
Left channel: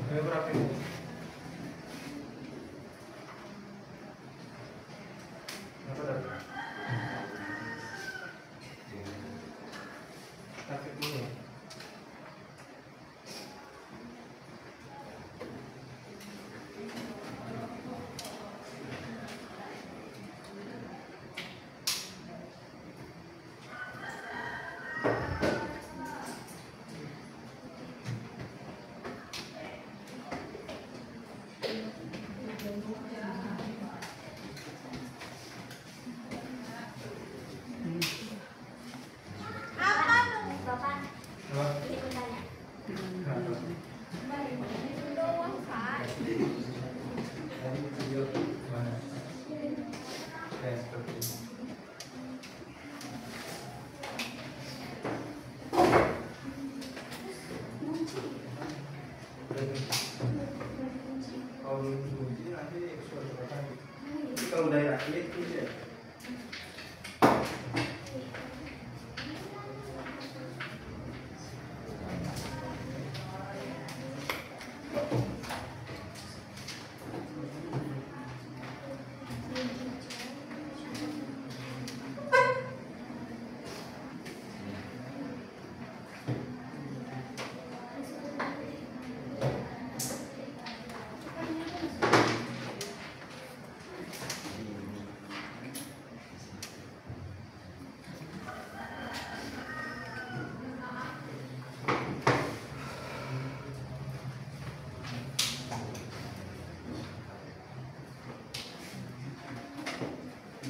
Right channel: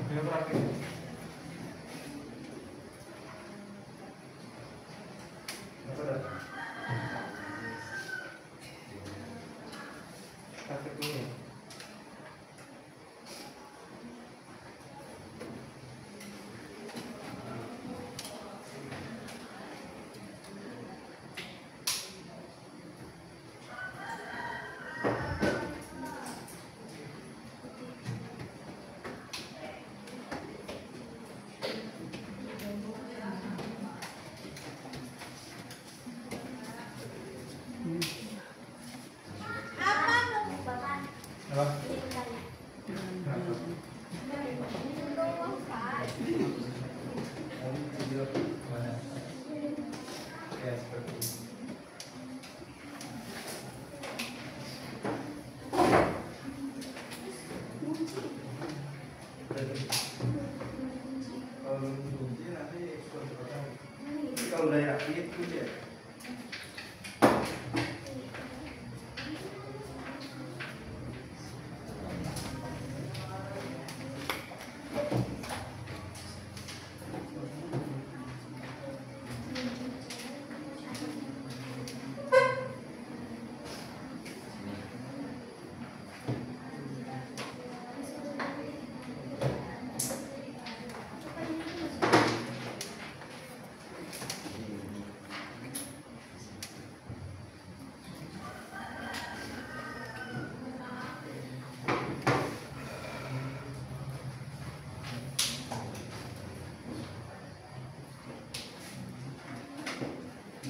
Ini berapa ini? Apa dah? Pakai dulu. Bapak, Apa? ini bertanya. Ya, seperti ini. Kalau belum kunci nanti ekspor berapa? Kalau udah yakin kunci ya.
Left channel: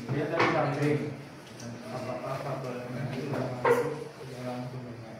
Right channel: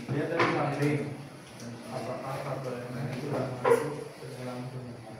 Dia tadi samping apakah kabelnya itu sudah masuk ke dalam gunungan?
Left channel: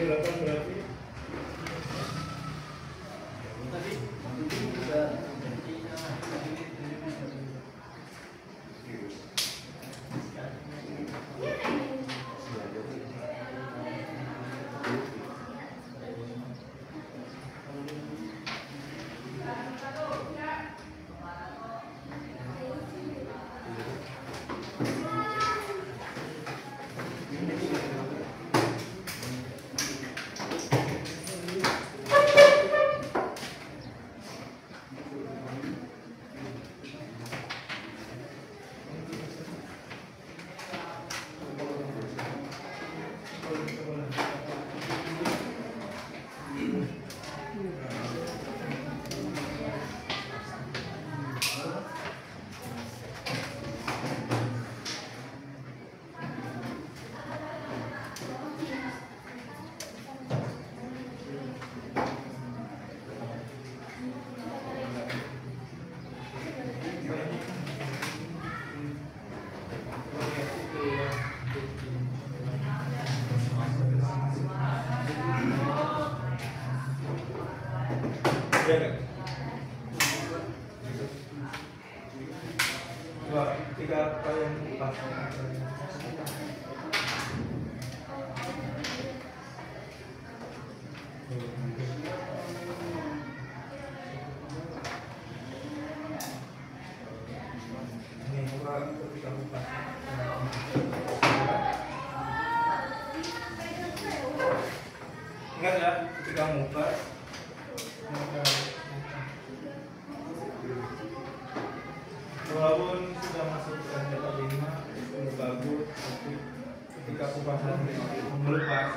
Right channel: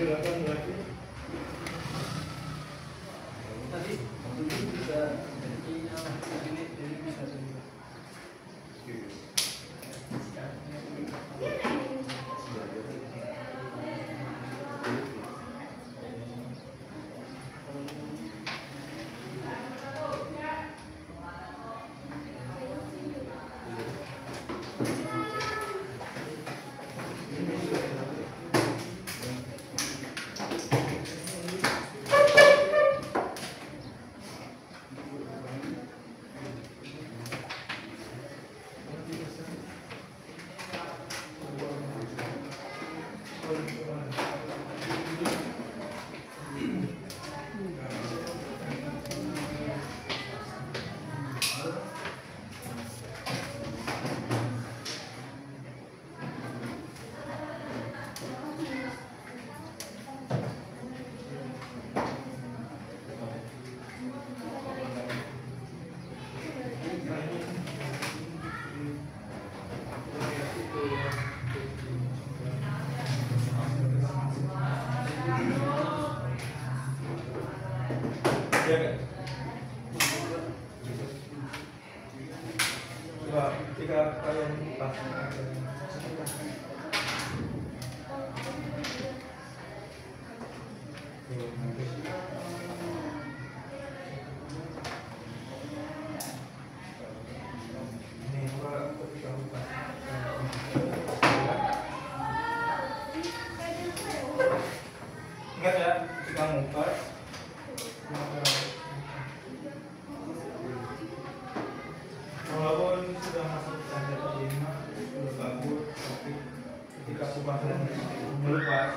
Silakan berarti. Tadi bisa ya kan? Coba ketika kalian pas ini coba ketika pas ingat ya ketika ngupas walaupun sudah masuk senjata 5 bagus tapi ketika kupasan melepas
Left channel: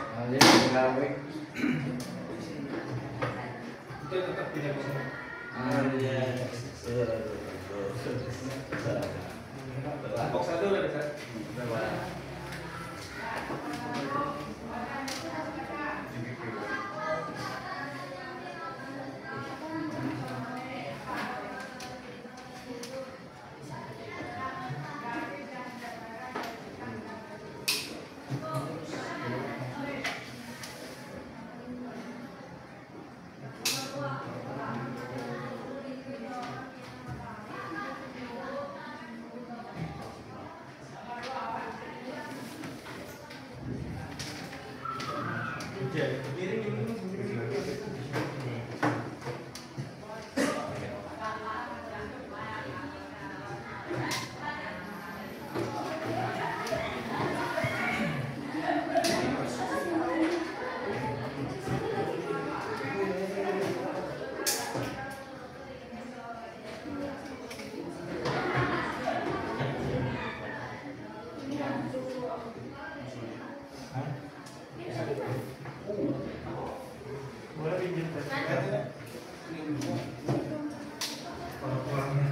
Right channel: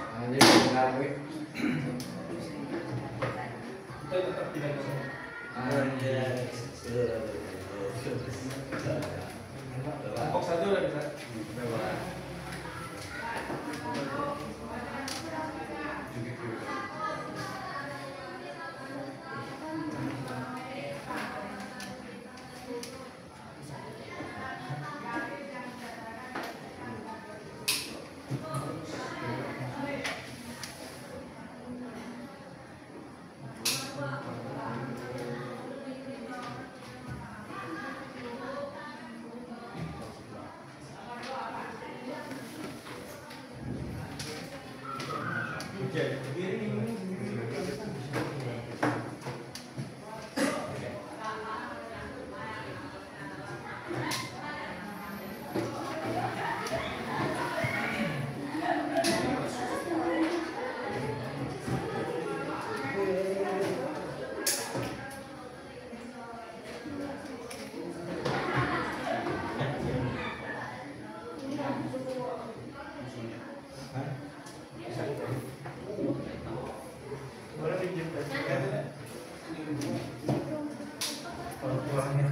kita tetap tidak bisa kelompok 1 udah bisa boleh pinjam kalau pulangnya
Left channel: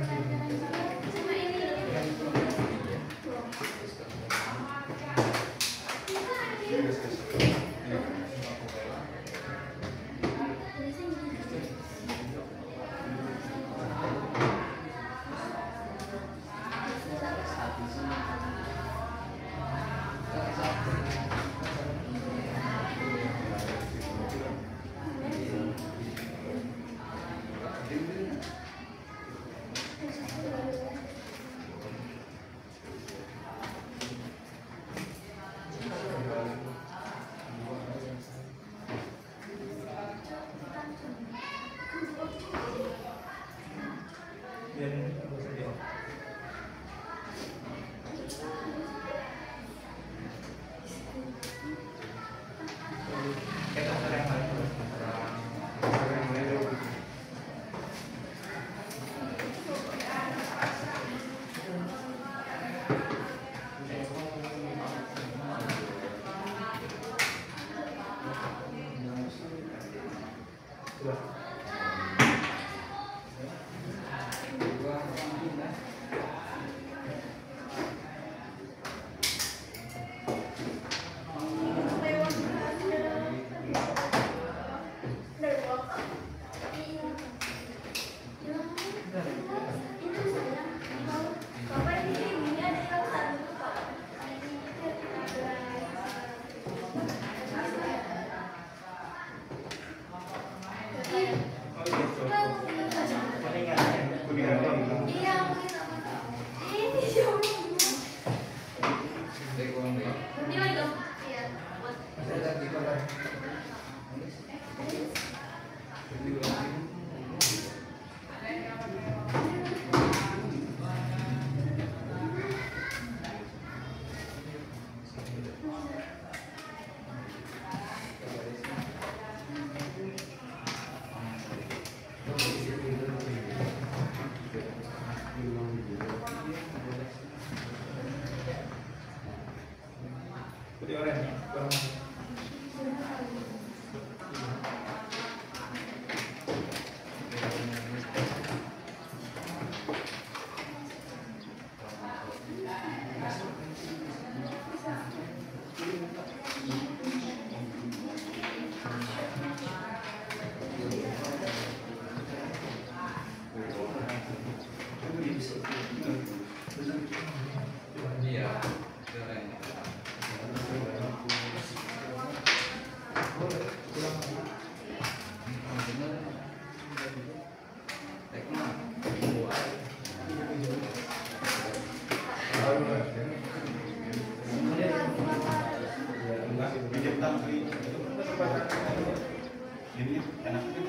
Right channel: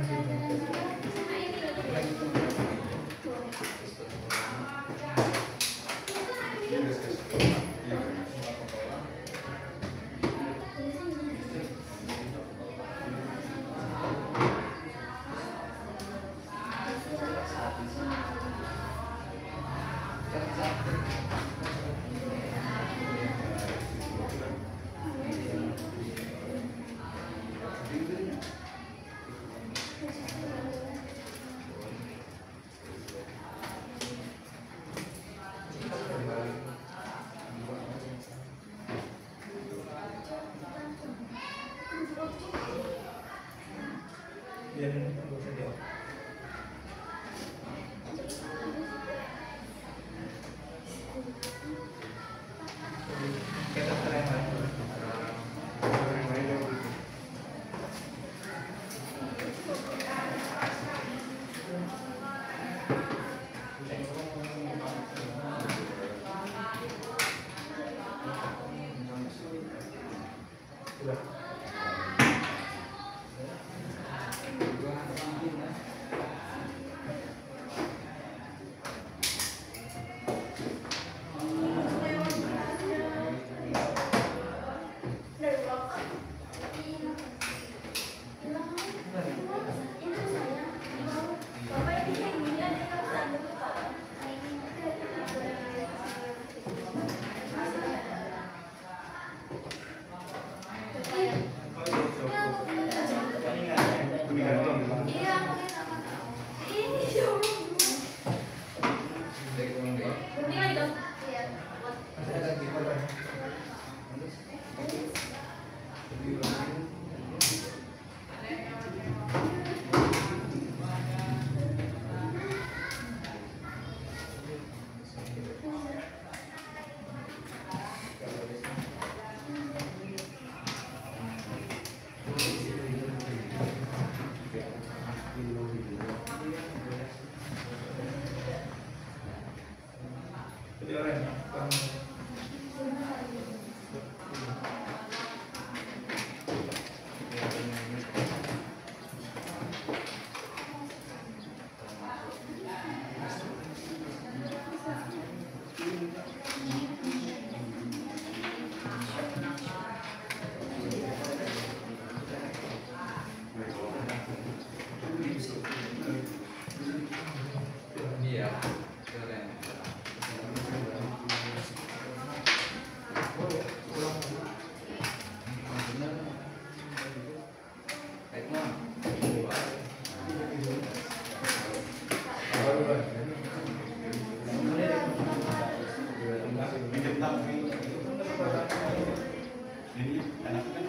Ini enak kan?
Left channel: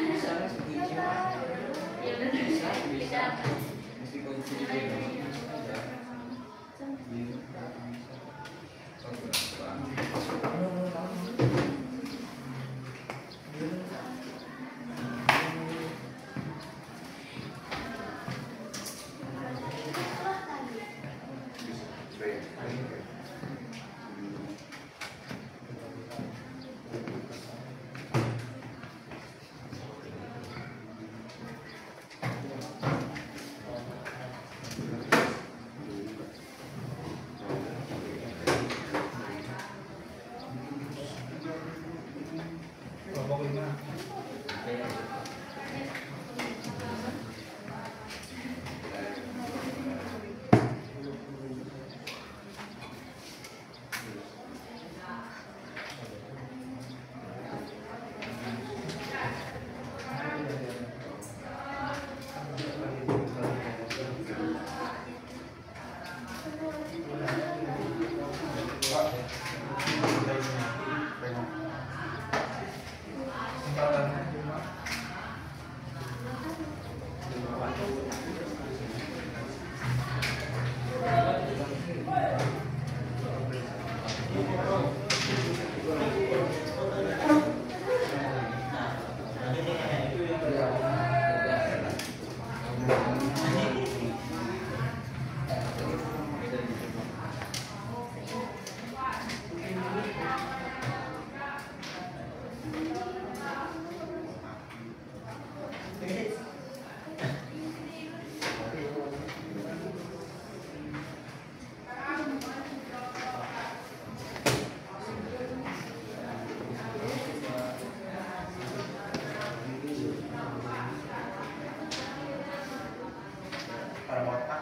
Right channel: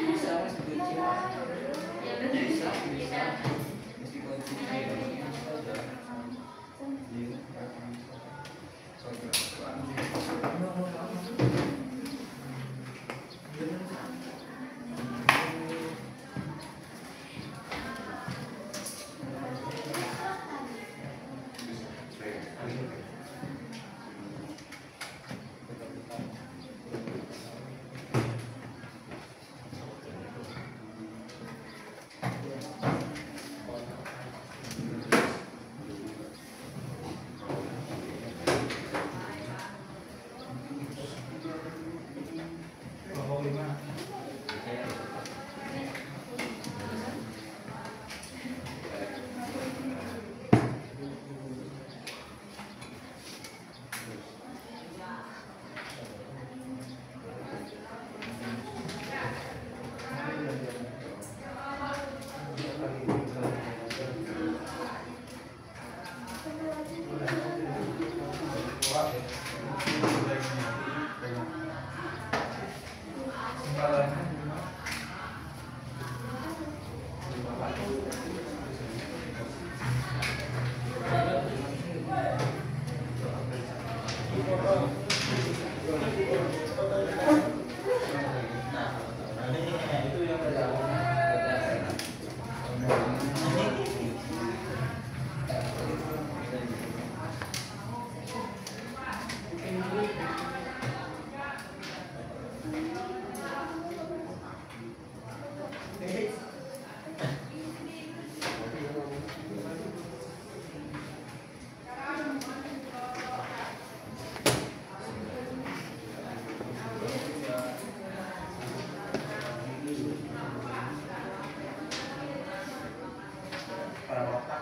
Bisa kunci. Ya benar. Kita Mesti kunci. Kelompok 5. Pada otak.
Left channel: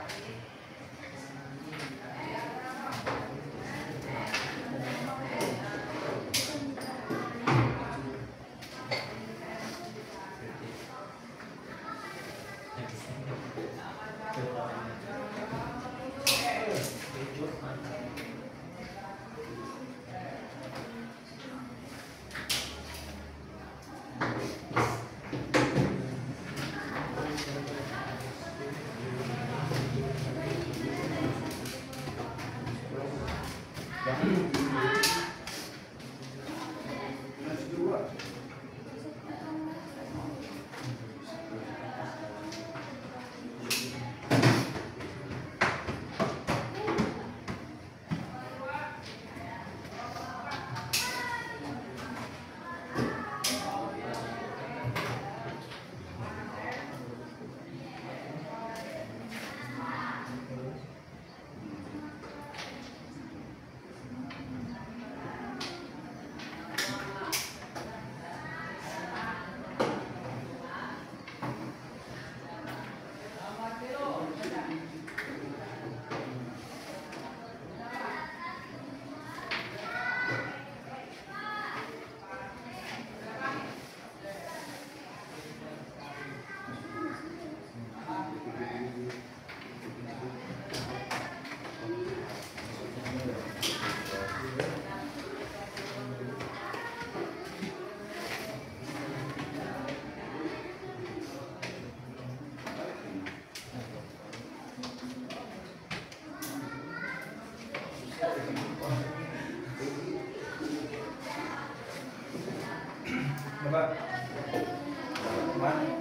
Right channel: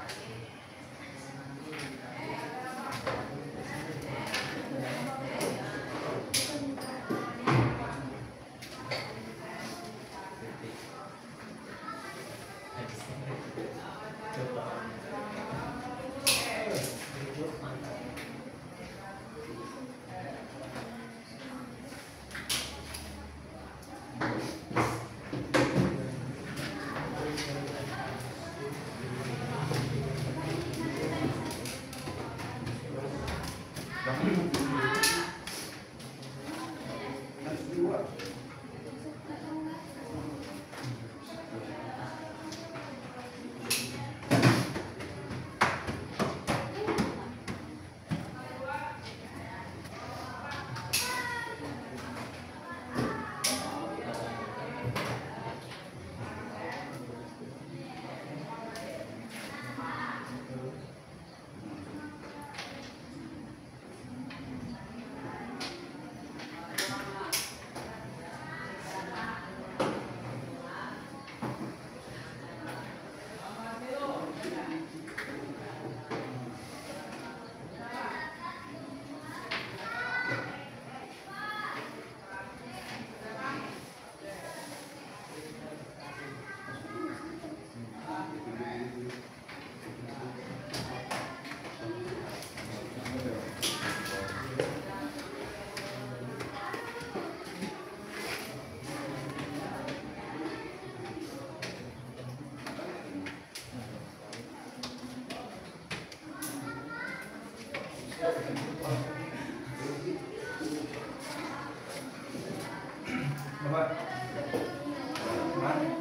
Coba. Mana?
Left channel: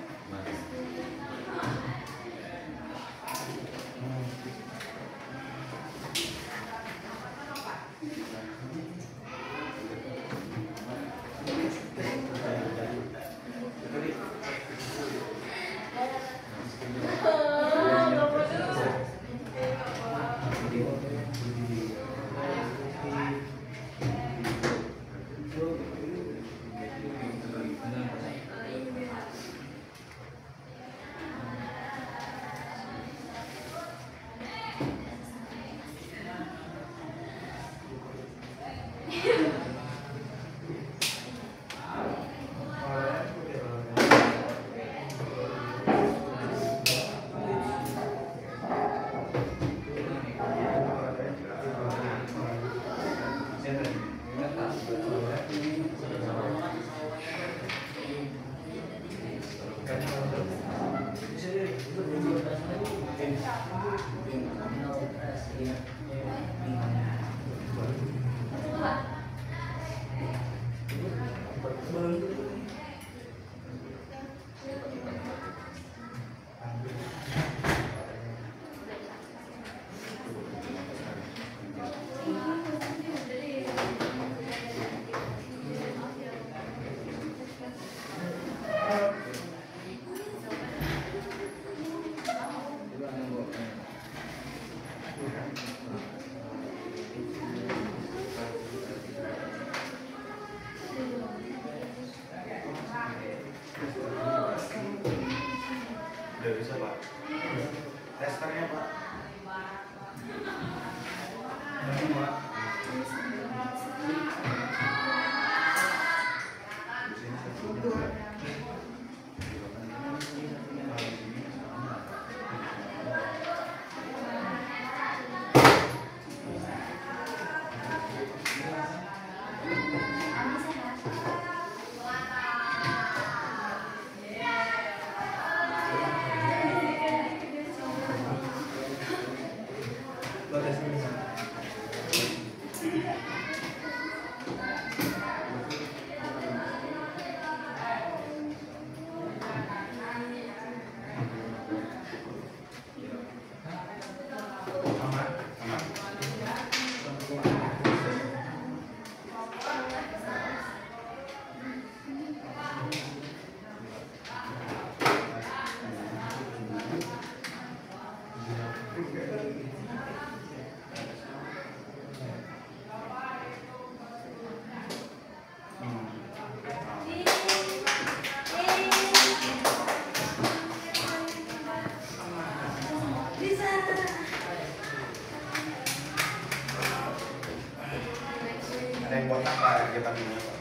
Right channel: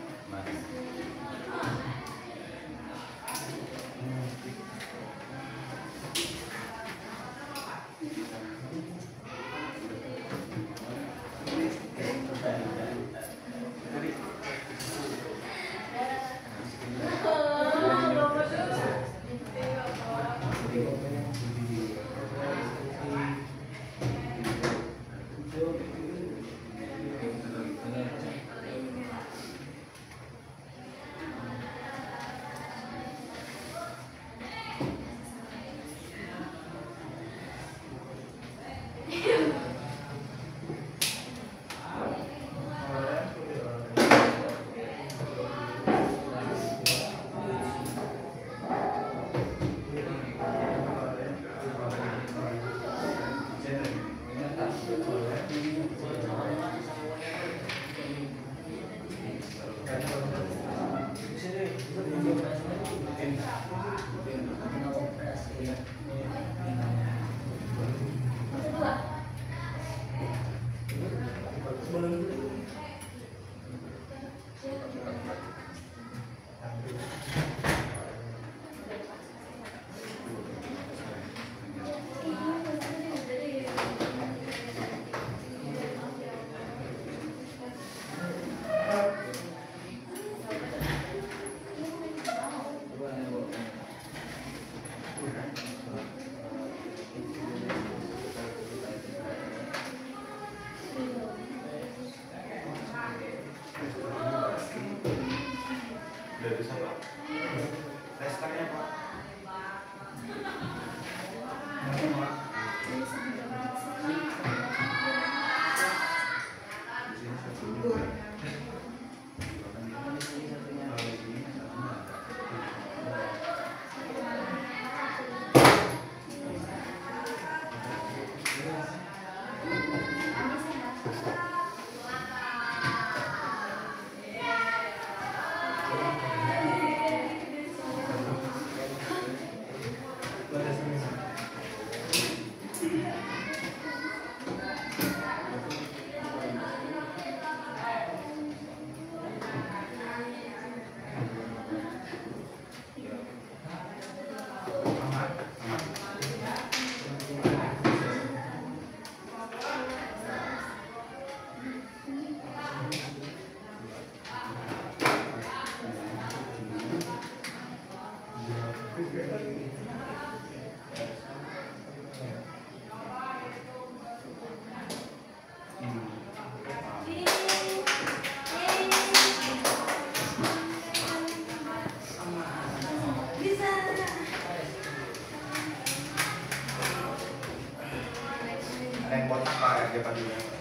pakai panduannya Pak.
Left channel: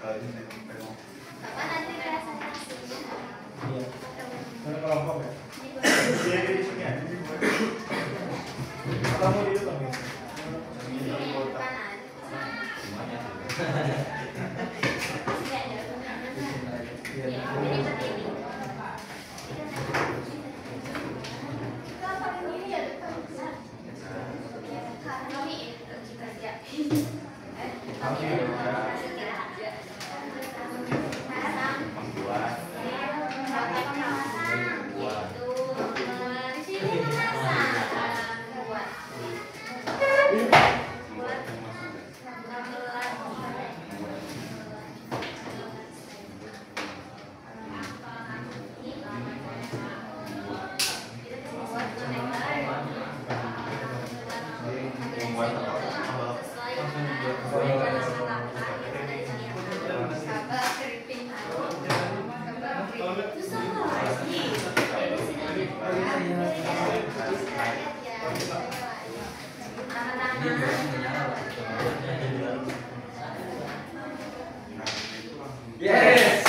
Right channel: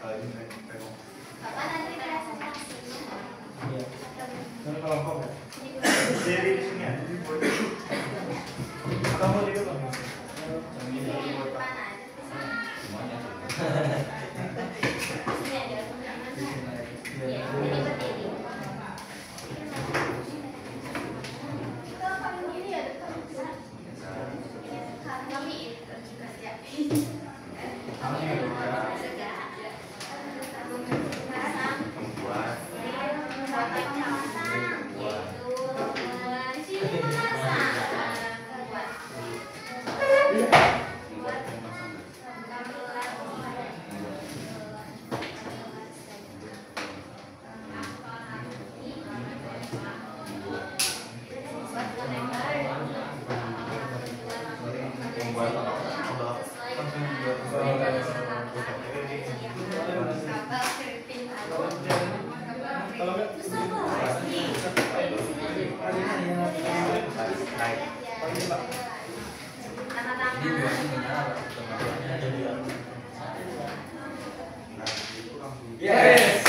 Kalau ini memang Bapak nanti presentasinya. iya. Mana kelompok ya? Jadi di sini aja sih buat. Atau mau di depan? Yes.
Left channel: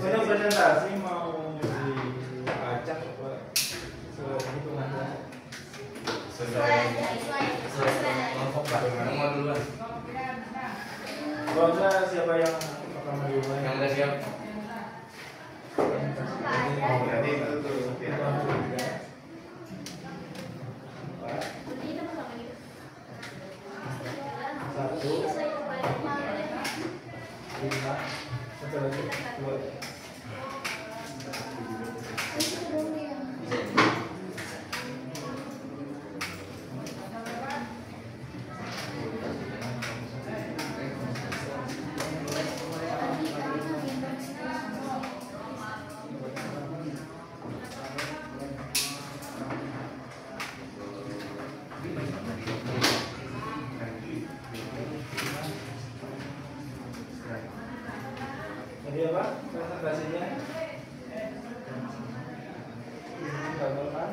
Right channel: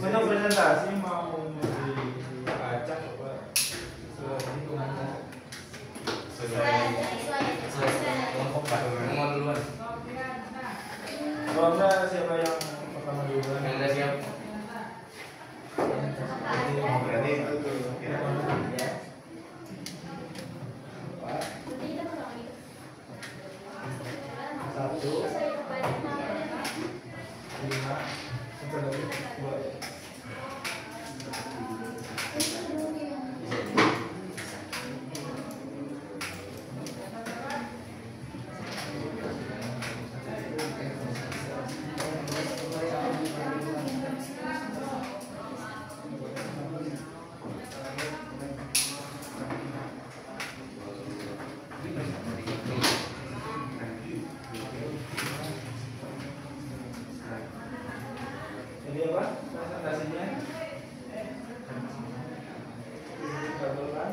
Untuk presentasi mau dibaca coba hitungannya kelompok Pak. Kalau enggak siapa yang pertama duluan? Yang udah siap. Oh, berarti itu tuh. Satu, lima, satu lagi, dua. Jadi apa presentasinya? Gambarkan.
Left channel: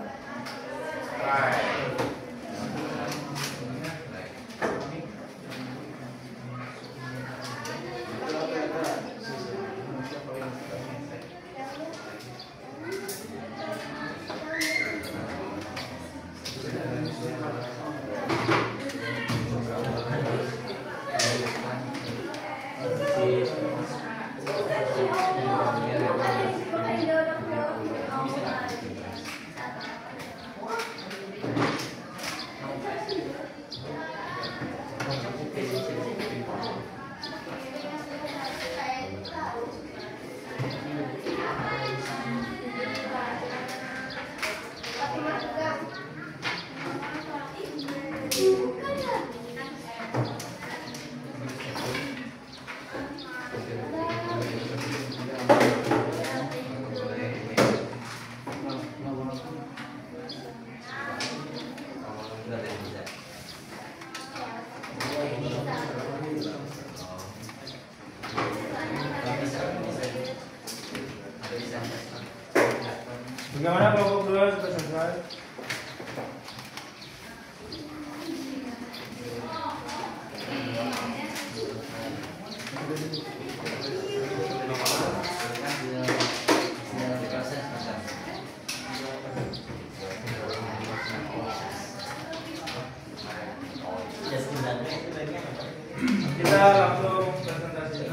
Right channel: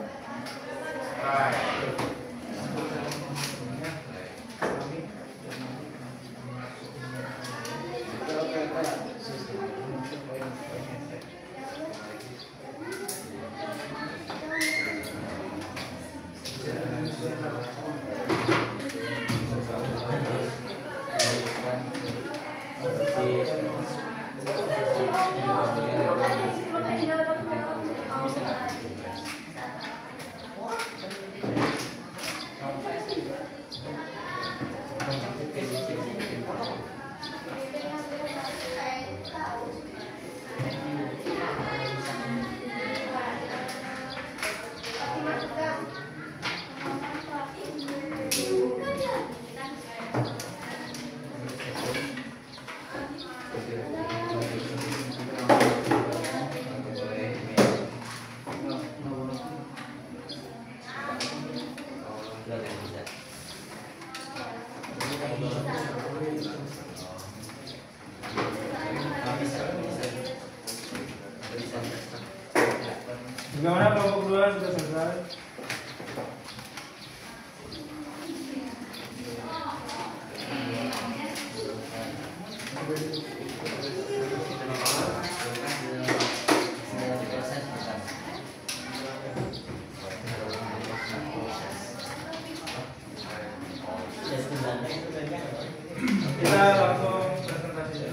Bagaimana kelompok dua sudah selesai? Kita langsung presentasi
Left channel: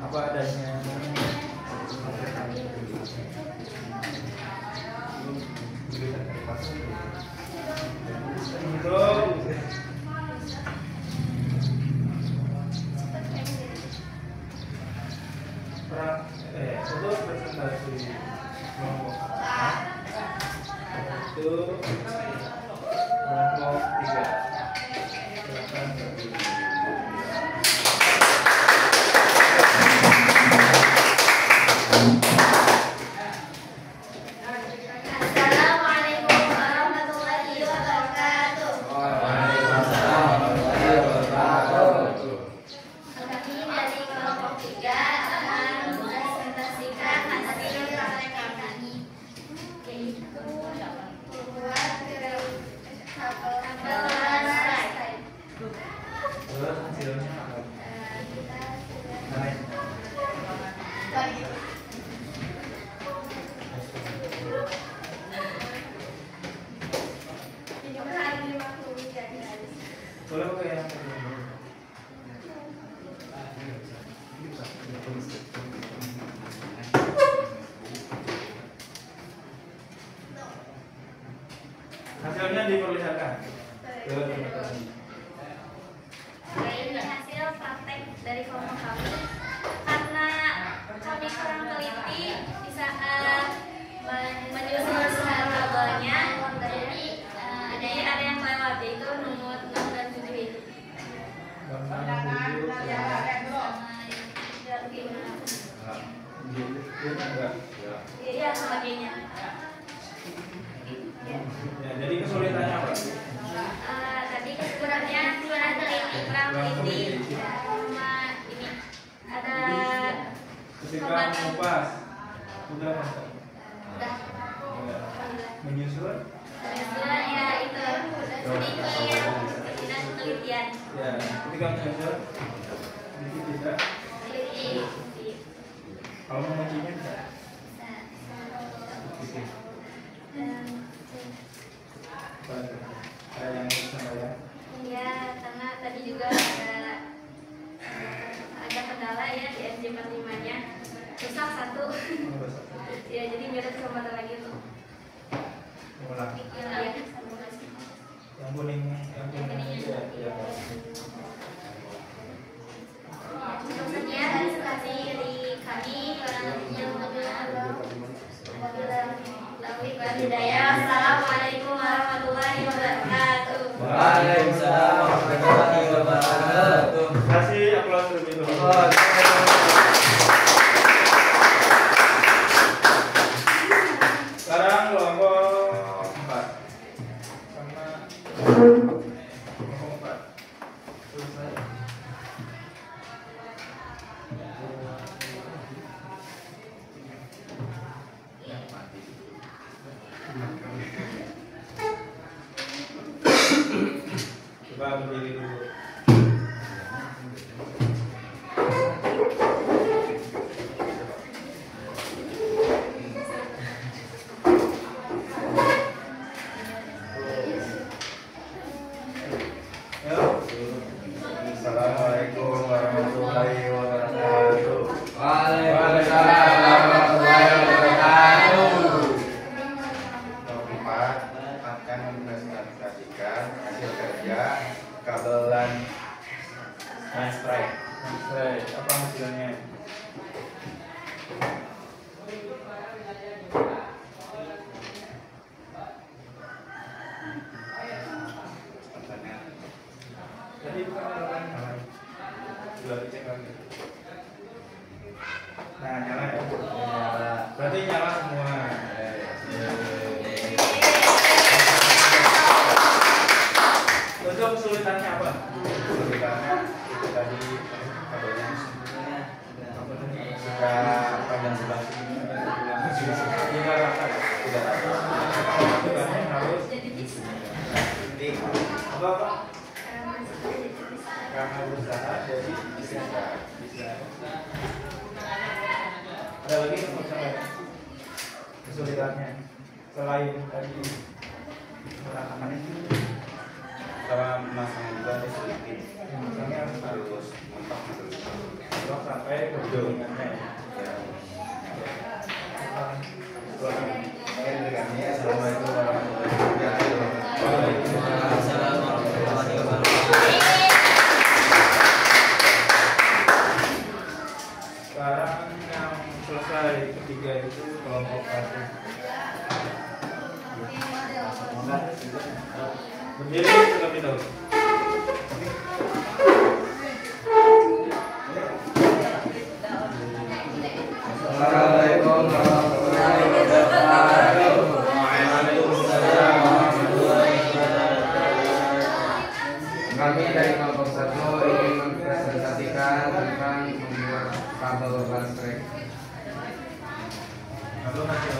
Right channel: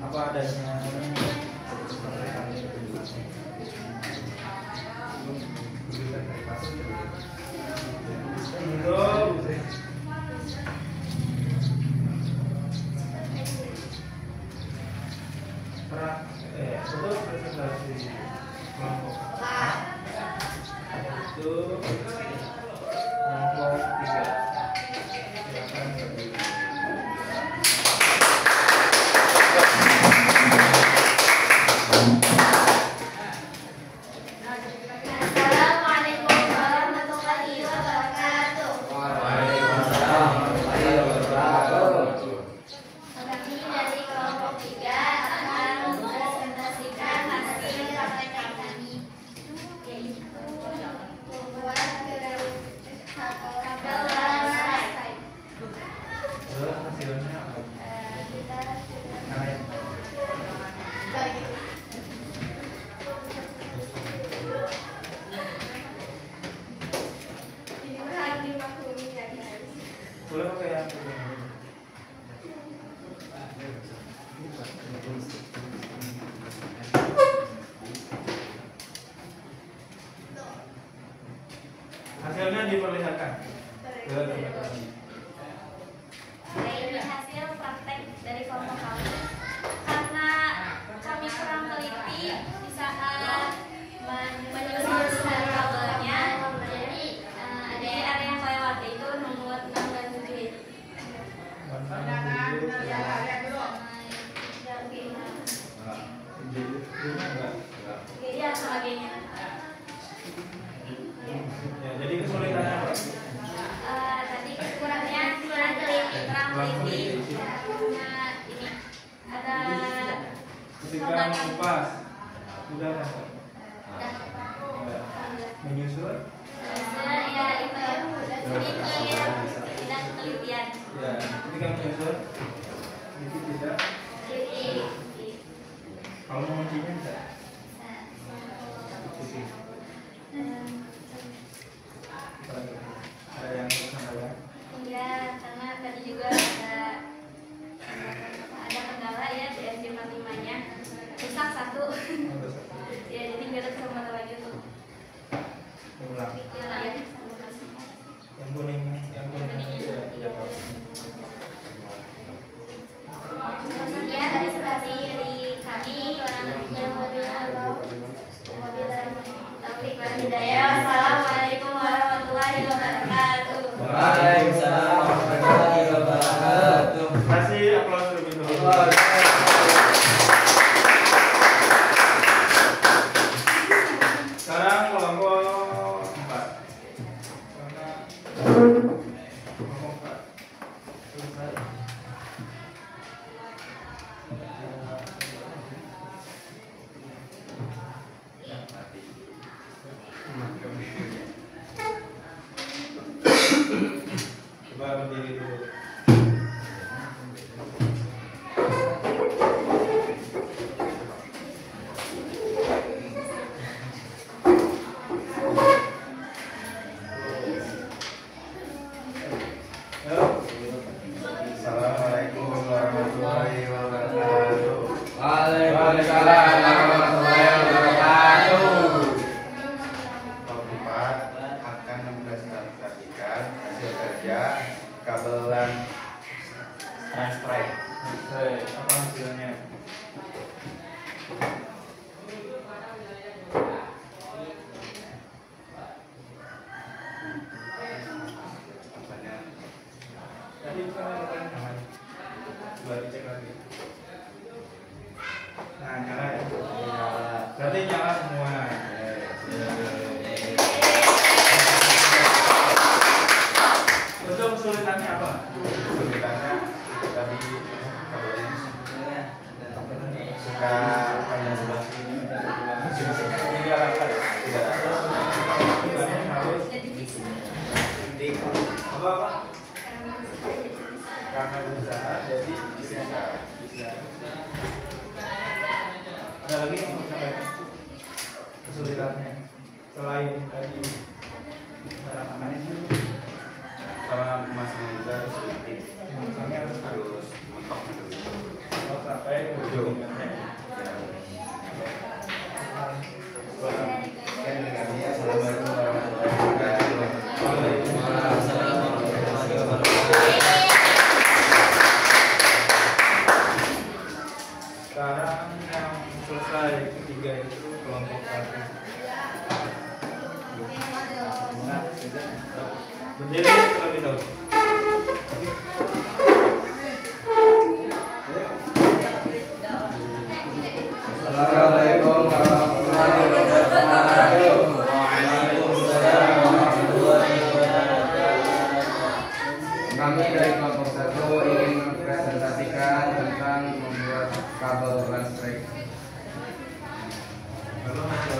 apa adanya. itu kelompok 3. Silakan berdiri. Assalamualaikum warahmatullahi wabarakatuh. Kami dari kelompok 3 akan mempresentasikan hasil praktek kami, yaitu membuat tabel slide. Terus hasilnya apa? Mana ini? Boleh pakai yang kedua. Hasilnya diperlihatkan. Ini hasil praktek dari kelompok kami. Karena kami kurang teliti di saat menyusun tabelnya, jadi ada yang kelewat, yaitu nomor 6 dan 7. Warna biru ya. Enggak. Iya, sebagainya. Ya, jadi kesulitannya apa? Tadi kurang teliti, sama ini ada Ketika mengupas udah masuk. udah Ya. Menyusun ya itu sedikit tidak penelitian. ya, ketika menyusun sedikit tidak. Teliti. Kalau menguncinya enggak. Ada yang sampaikan. Iya, karena tadi juga ada kendala ya di MJ45-nya, rusak satu. Ya, jadi nggak ada kesempatan lagi untuk Ulang. ya. Yang kuningnya ya, tidak apa. Selanjutnya presentasi dari kami kurang lebihnya Taufik wal Hidayah. Wassalamualaikum warahmatullahi wabarakatuh. Waalaikumsalam warahmatullahi wabarakatuh. Kasih aplaus lebih dulu. Sekarang kelompok 4 sama kelompok 4. Selesai. Coba berdiri dulu. Assalamualaikum warahmatullahi wabarakatuh. Waalaikumsalam warahmatullahi wabarakatuh. Kelompok 4 akan mempresentasikan hasil kerja kabelan strike. Apa hasilnya? Contohnya Tadi bukan melakukan nyalain. Coba dicek lagi. Nah, nyala ya. Berarti nyala semua. Untuk kesulitannya apa? kesulitannya itu tadi kabelnya suka panjang sebelah sini Tidak rata ya? tidak rata. Tugasnya harus Titik apa Pak? karena berusaha jadi bisa. Ada lagi yang mau sampaikan? Kesulitannya selain tadi meratakan itu, Karena masang juga ada sedikit kami harus mentok gitu. kalau sampai ke ujungnya. Sekian dari kami. Assalamualaikum warahmatullahi wabarakatuh. Waalaikumsalam warahmatullahi wabarakatuh. Sekarang yang selesai ketiga itu kelompok 1. Jadi terlebih dahulu. Assalamualaikum warahmatullahi wabarakatuh. Waalaikumsalam warahmatullahi wabarakatuh. Kami dari kelompok 1 ingin mempresentasikan tentang membuat kabel listrik. Lalu hasil.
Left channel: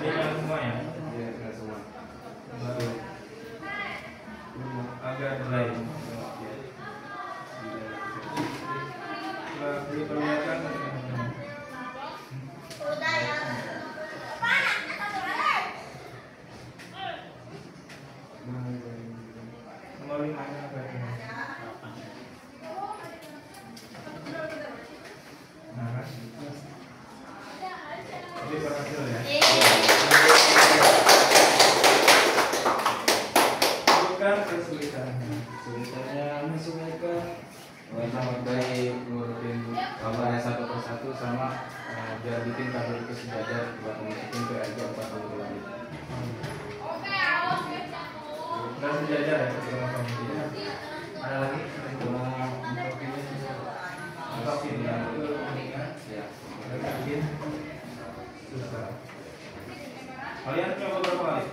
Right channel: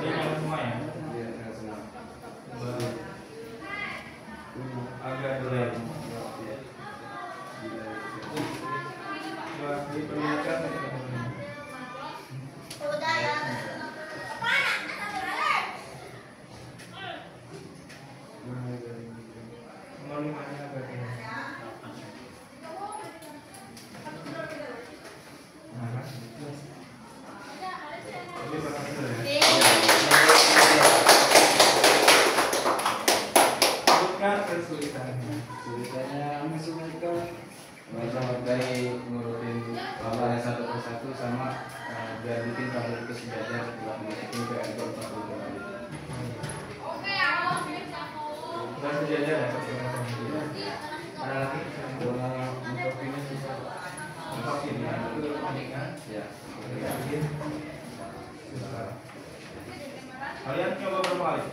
Ini yang semua ya. Baru. Agak delay. Coba diperlihatkan teman-teman. Nomor 5-nya apa itu? Nah, kan? Ini berhasil ya. Bukan kesulitannya. Kesulitannya menyesuaikan sangat baik ngurutin kabelnya satu persatu sama biar bikin kabel itu sejajar buat masukin ke RJ 40 kW. Nggak sejajar ya sama-sama. Ada lagi? Untuk ini bisa Untuk ini ya, itu pentingnya. ya. Bikin susah. Kalian coba berapa kali?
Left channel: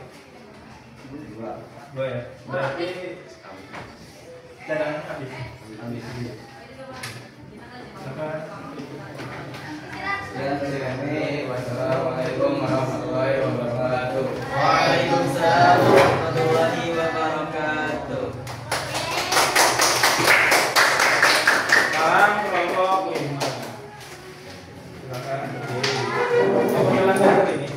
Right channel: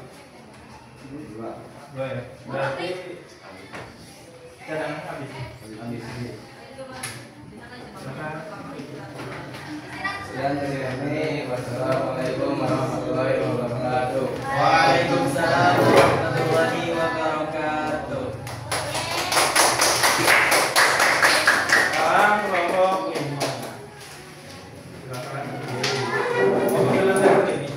2 ya. Berarti cadangannya habis. Habis ini. Maka Sekian dari kami. Wassalamualaikum warahmatullahi wabarakatuh. Waalaikumsalam warahmatullahi wabarakatuh. sekarang kelompok 5. Silakan berdiri. Oh, pakai lantai ini.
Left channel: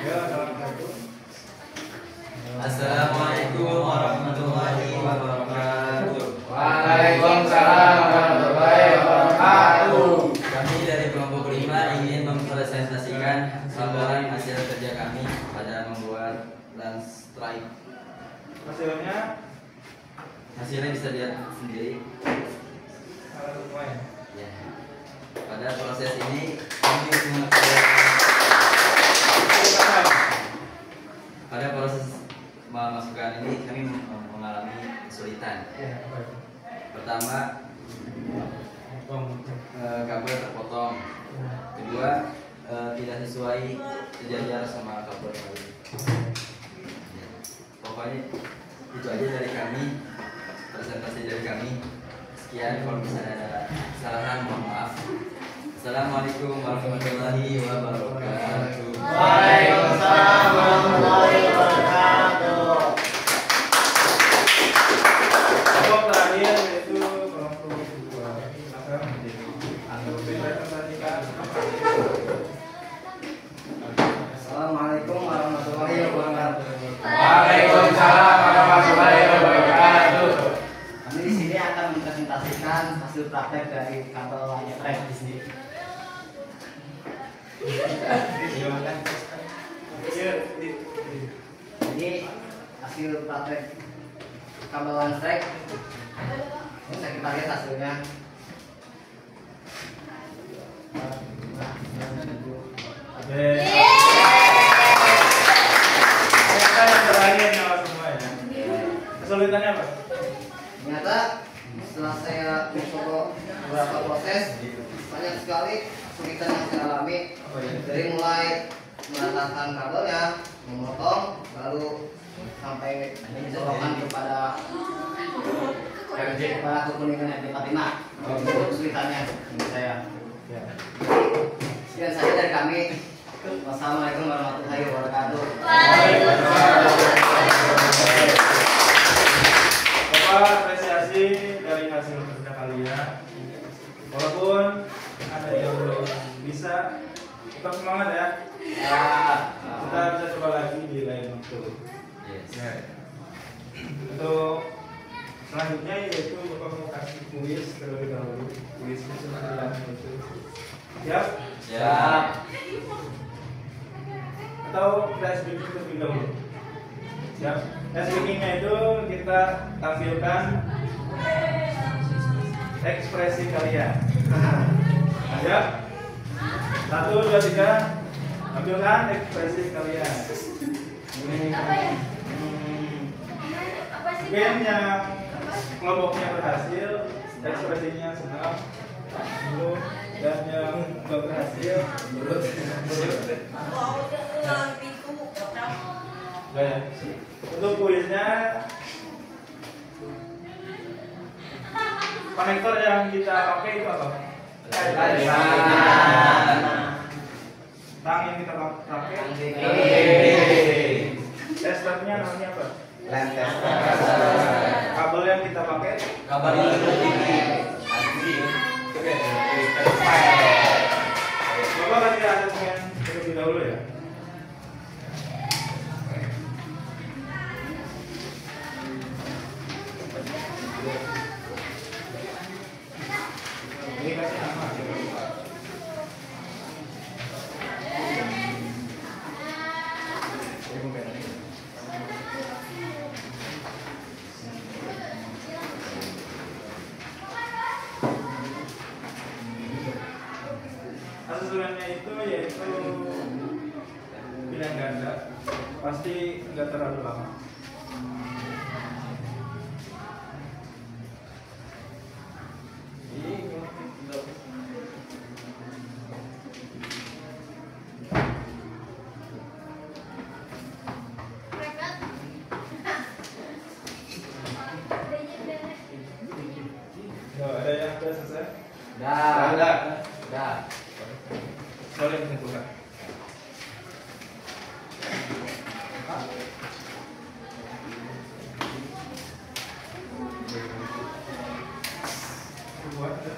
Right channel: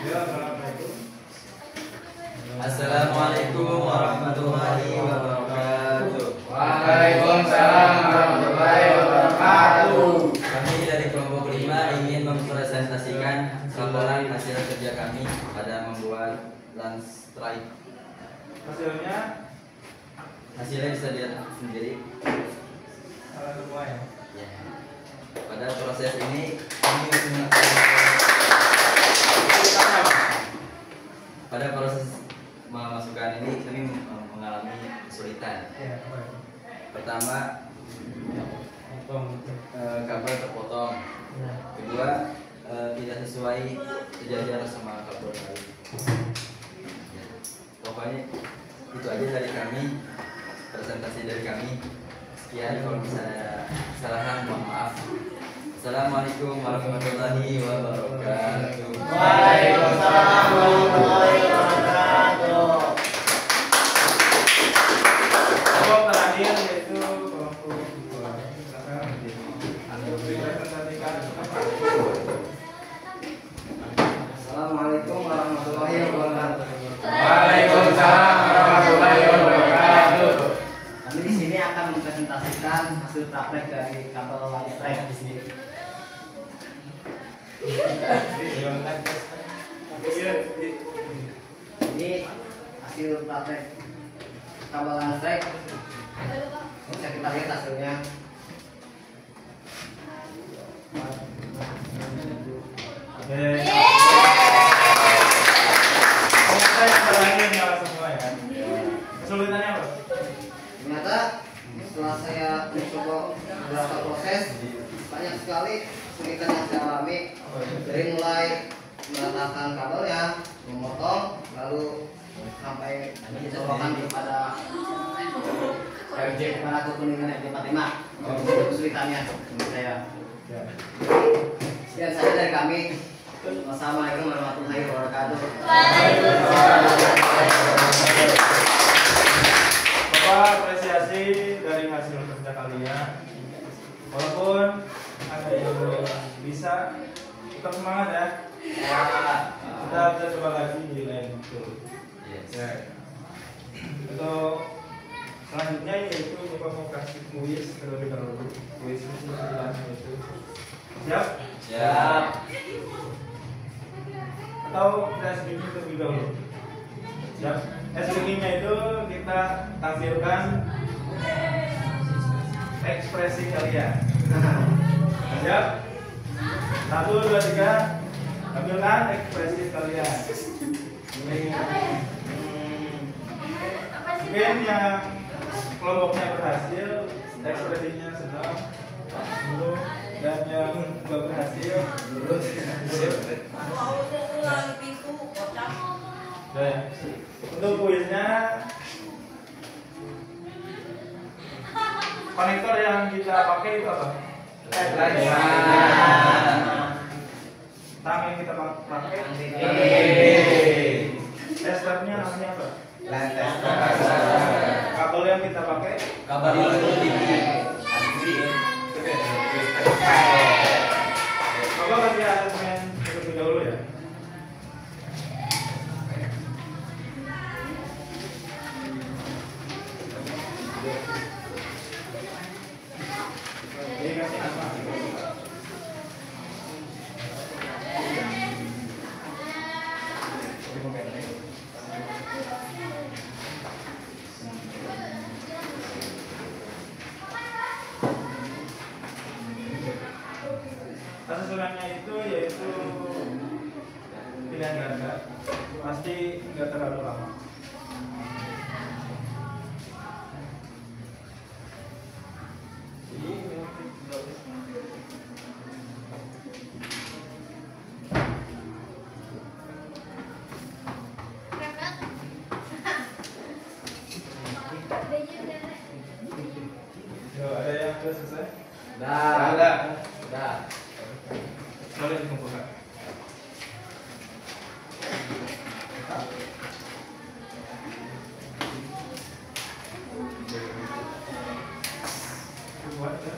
Ya, assalamualaikum. Assalamualaikum warahmatullahi wabarakatuh. Waalaikumsalam warahmatullahi wabarakatuh. Kami dari kelompok 5 ingin mempresentasikan gambaran hasil kerja kami pada membuat landslide. Hasilnya Hasilnya bisa dilihat sendiri. salah semua ya. Ya. Pada proses ini pada proses memasukkan ini kami mengalami kesulitan. Ya, apa itu? Pertama, Potong. kabel terpotong. Ya. Kedua, tidak sesuai sejajar sama kabel lain. Ya. Pokoknya itu aja dari kami, presentasi dari kami. Sekian, kalau misalnya ada kesalahan mohon maaf. Assalamualaikum warahmatullahi wabarakatuh. Waalaikumsalam warahmatullahi wabarakatuh. Kelompok terakhir yaitu kelompok 2. Silakan berdiri. Untuk dipresentasikan apa? Assalamualaikum warahmatullahi wabarakatuh. Waalaikumsalam warahmatullahi wabarakatuh. Kami di sini akan mempresentasikan hasil praktek dari kabel listrik di sini. Ini hasil praktek kabel listrik. Bisa kita lihat hasilnya. Ternyata yang terakhir nyala semua ya. Kesulitannya apa? Ternyata setelah saya mencoba beberapa proses, banyak sekali kesulitan yang saya alami. Dari mulai meratakan kabelnya, memotong, lalu sampai mencolokan kepada kekuningan RJ45. Itu kesulitannya menurut saya. Sekian saja dari kami. Wassalamualaikum warahmatullahi wabarakatuh. Bapak apresiasi dari hasil kerja kalian. tetap semangat ya. Kita bisa coba lagi di lain waktu. Yes. Untuk selanjutnya yaitu Bapak mau kasih kuis terlebih dahulu. Kuis kesulitan itu. Siap? Siap. Atau kita speaking terlebih dahulu. Siap? Speakingnya itu kita tampilkan ekspresi kalian. Siap? 1, 2, 3. Tampilkan ekspresi kalian. Apa ya? Mungkin yang kelompoknya berhasil, ekspresinya senang, dulu, dan yang nggak berhasil, Dan untuk kuisnya, konektor yang kita pakai itu apa? Tang yang kita pakai. Testernya namanya apa? Kabel yang kita pakai. Kabar Bapak kasih asesmen terlebih dahulu ya. Ini kasih nama. Susulannya itu yaitu pilihan ganda, pasti nggak terlalu lama. Ada yang sudah selesai? Dah. Boleh mengumpulkan. Buat ya.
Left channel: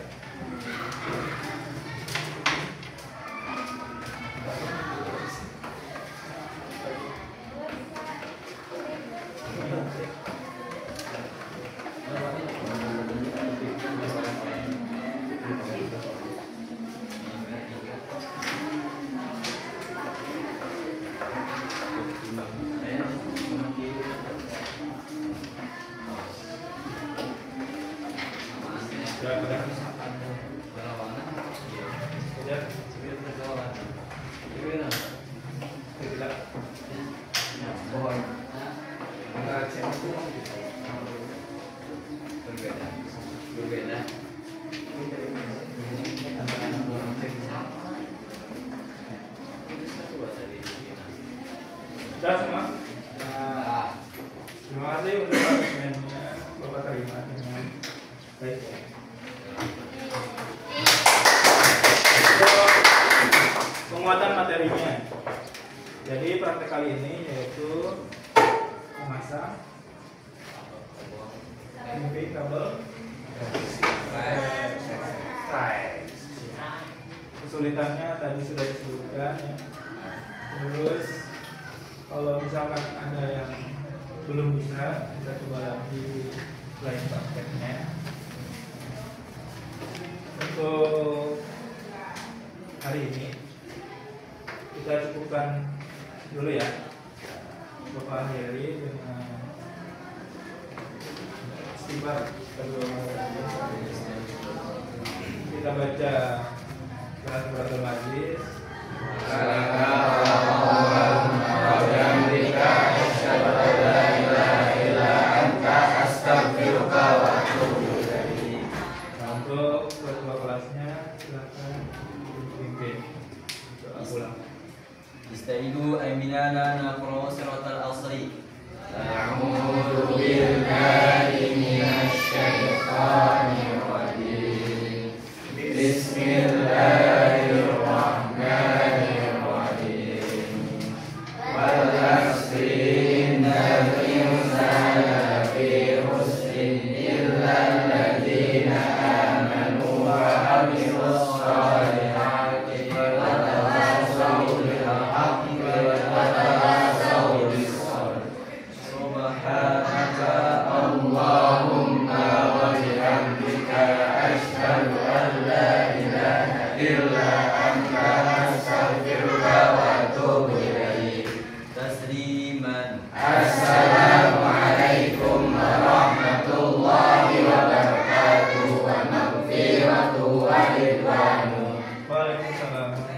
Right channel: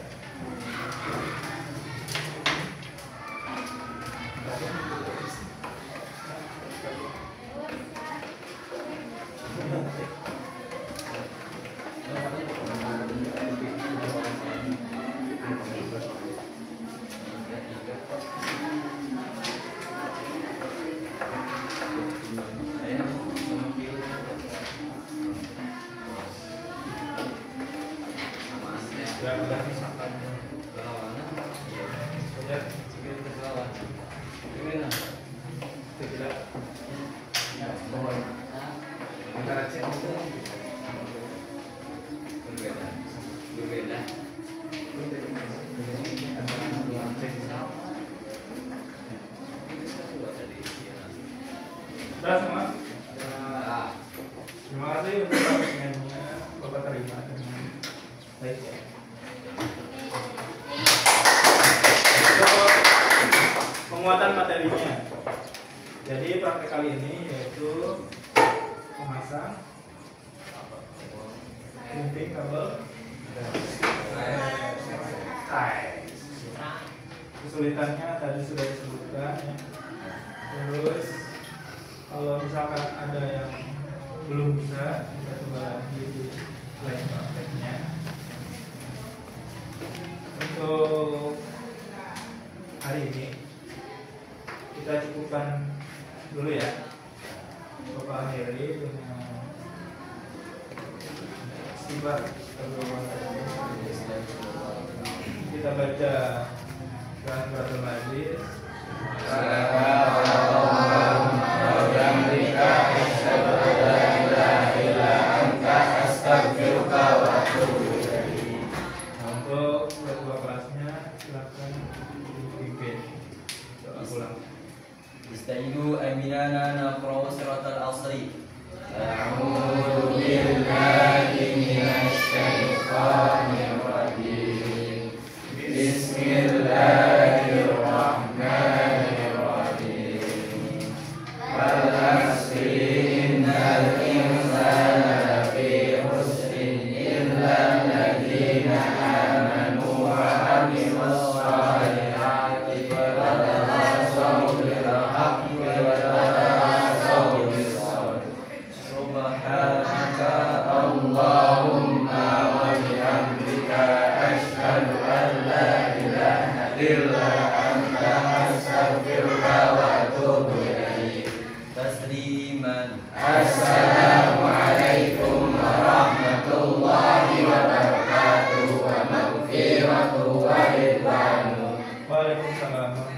Sudah semua? Terima kasih untuk asesmennya, Bapak terima dengan baik. Untuk penguatan materinya. Jadi praktek kali ini yaitu memasang gunting kabel kesulitannya tadi sudah disebutkan ya. Terus kalau misalkan ada yang belum bisa, kita coba lagi lain prakteknya. Untuk hari ini kita cukupkan dulu ya. Bapak Heri dengan istighfar kedua kita baca dan berdoa majlis. Untuk kedua kelasnya silakan dipimpin. Ulang. Istaidu aminana naqra siratal asri. A'udzu billahi minasy syaithanir rajim. Bismillahirrahmanirrahim. Wal 'asri innal insana lafi khusrin illa alladziina aamanu wa 'amilus shalihati wa illa anta astaghfiruka wa atubu ilaik. Tasliman. Assalamualaikum warahmatullahi wabarakatuh wa maghfiratuhu wa ridwanuh. Waalaikumsalam.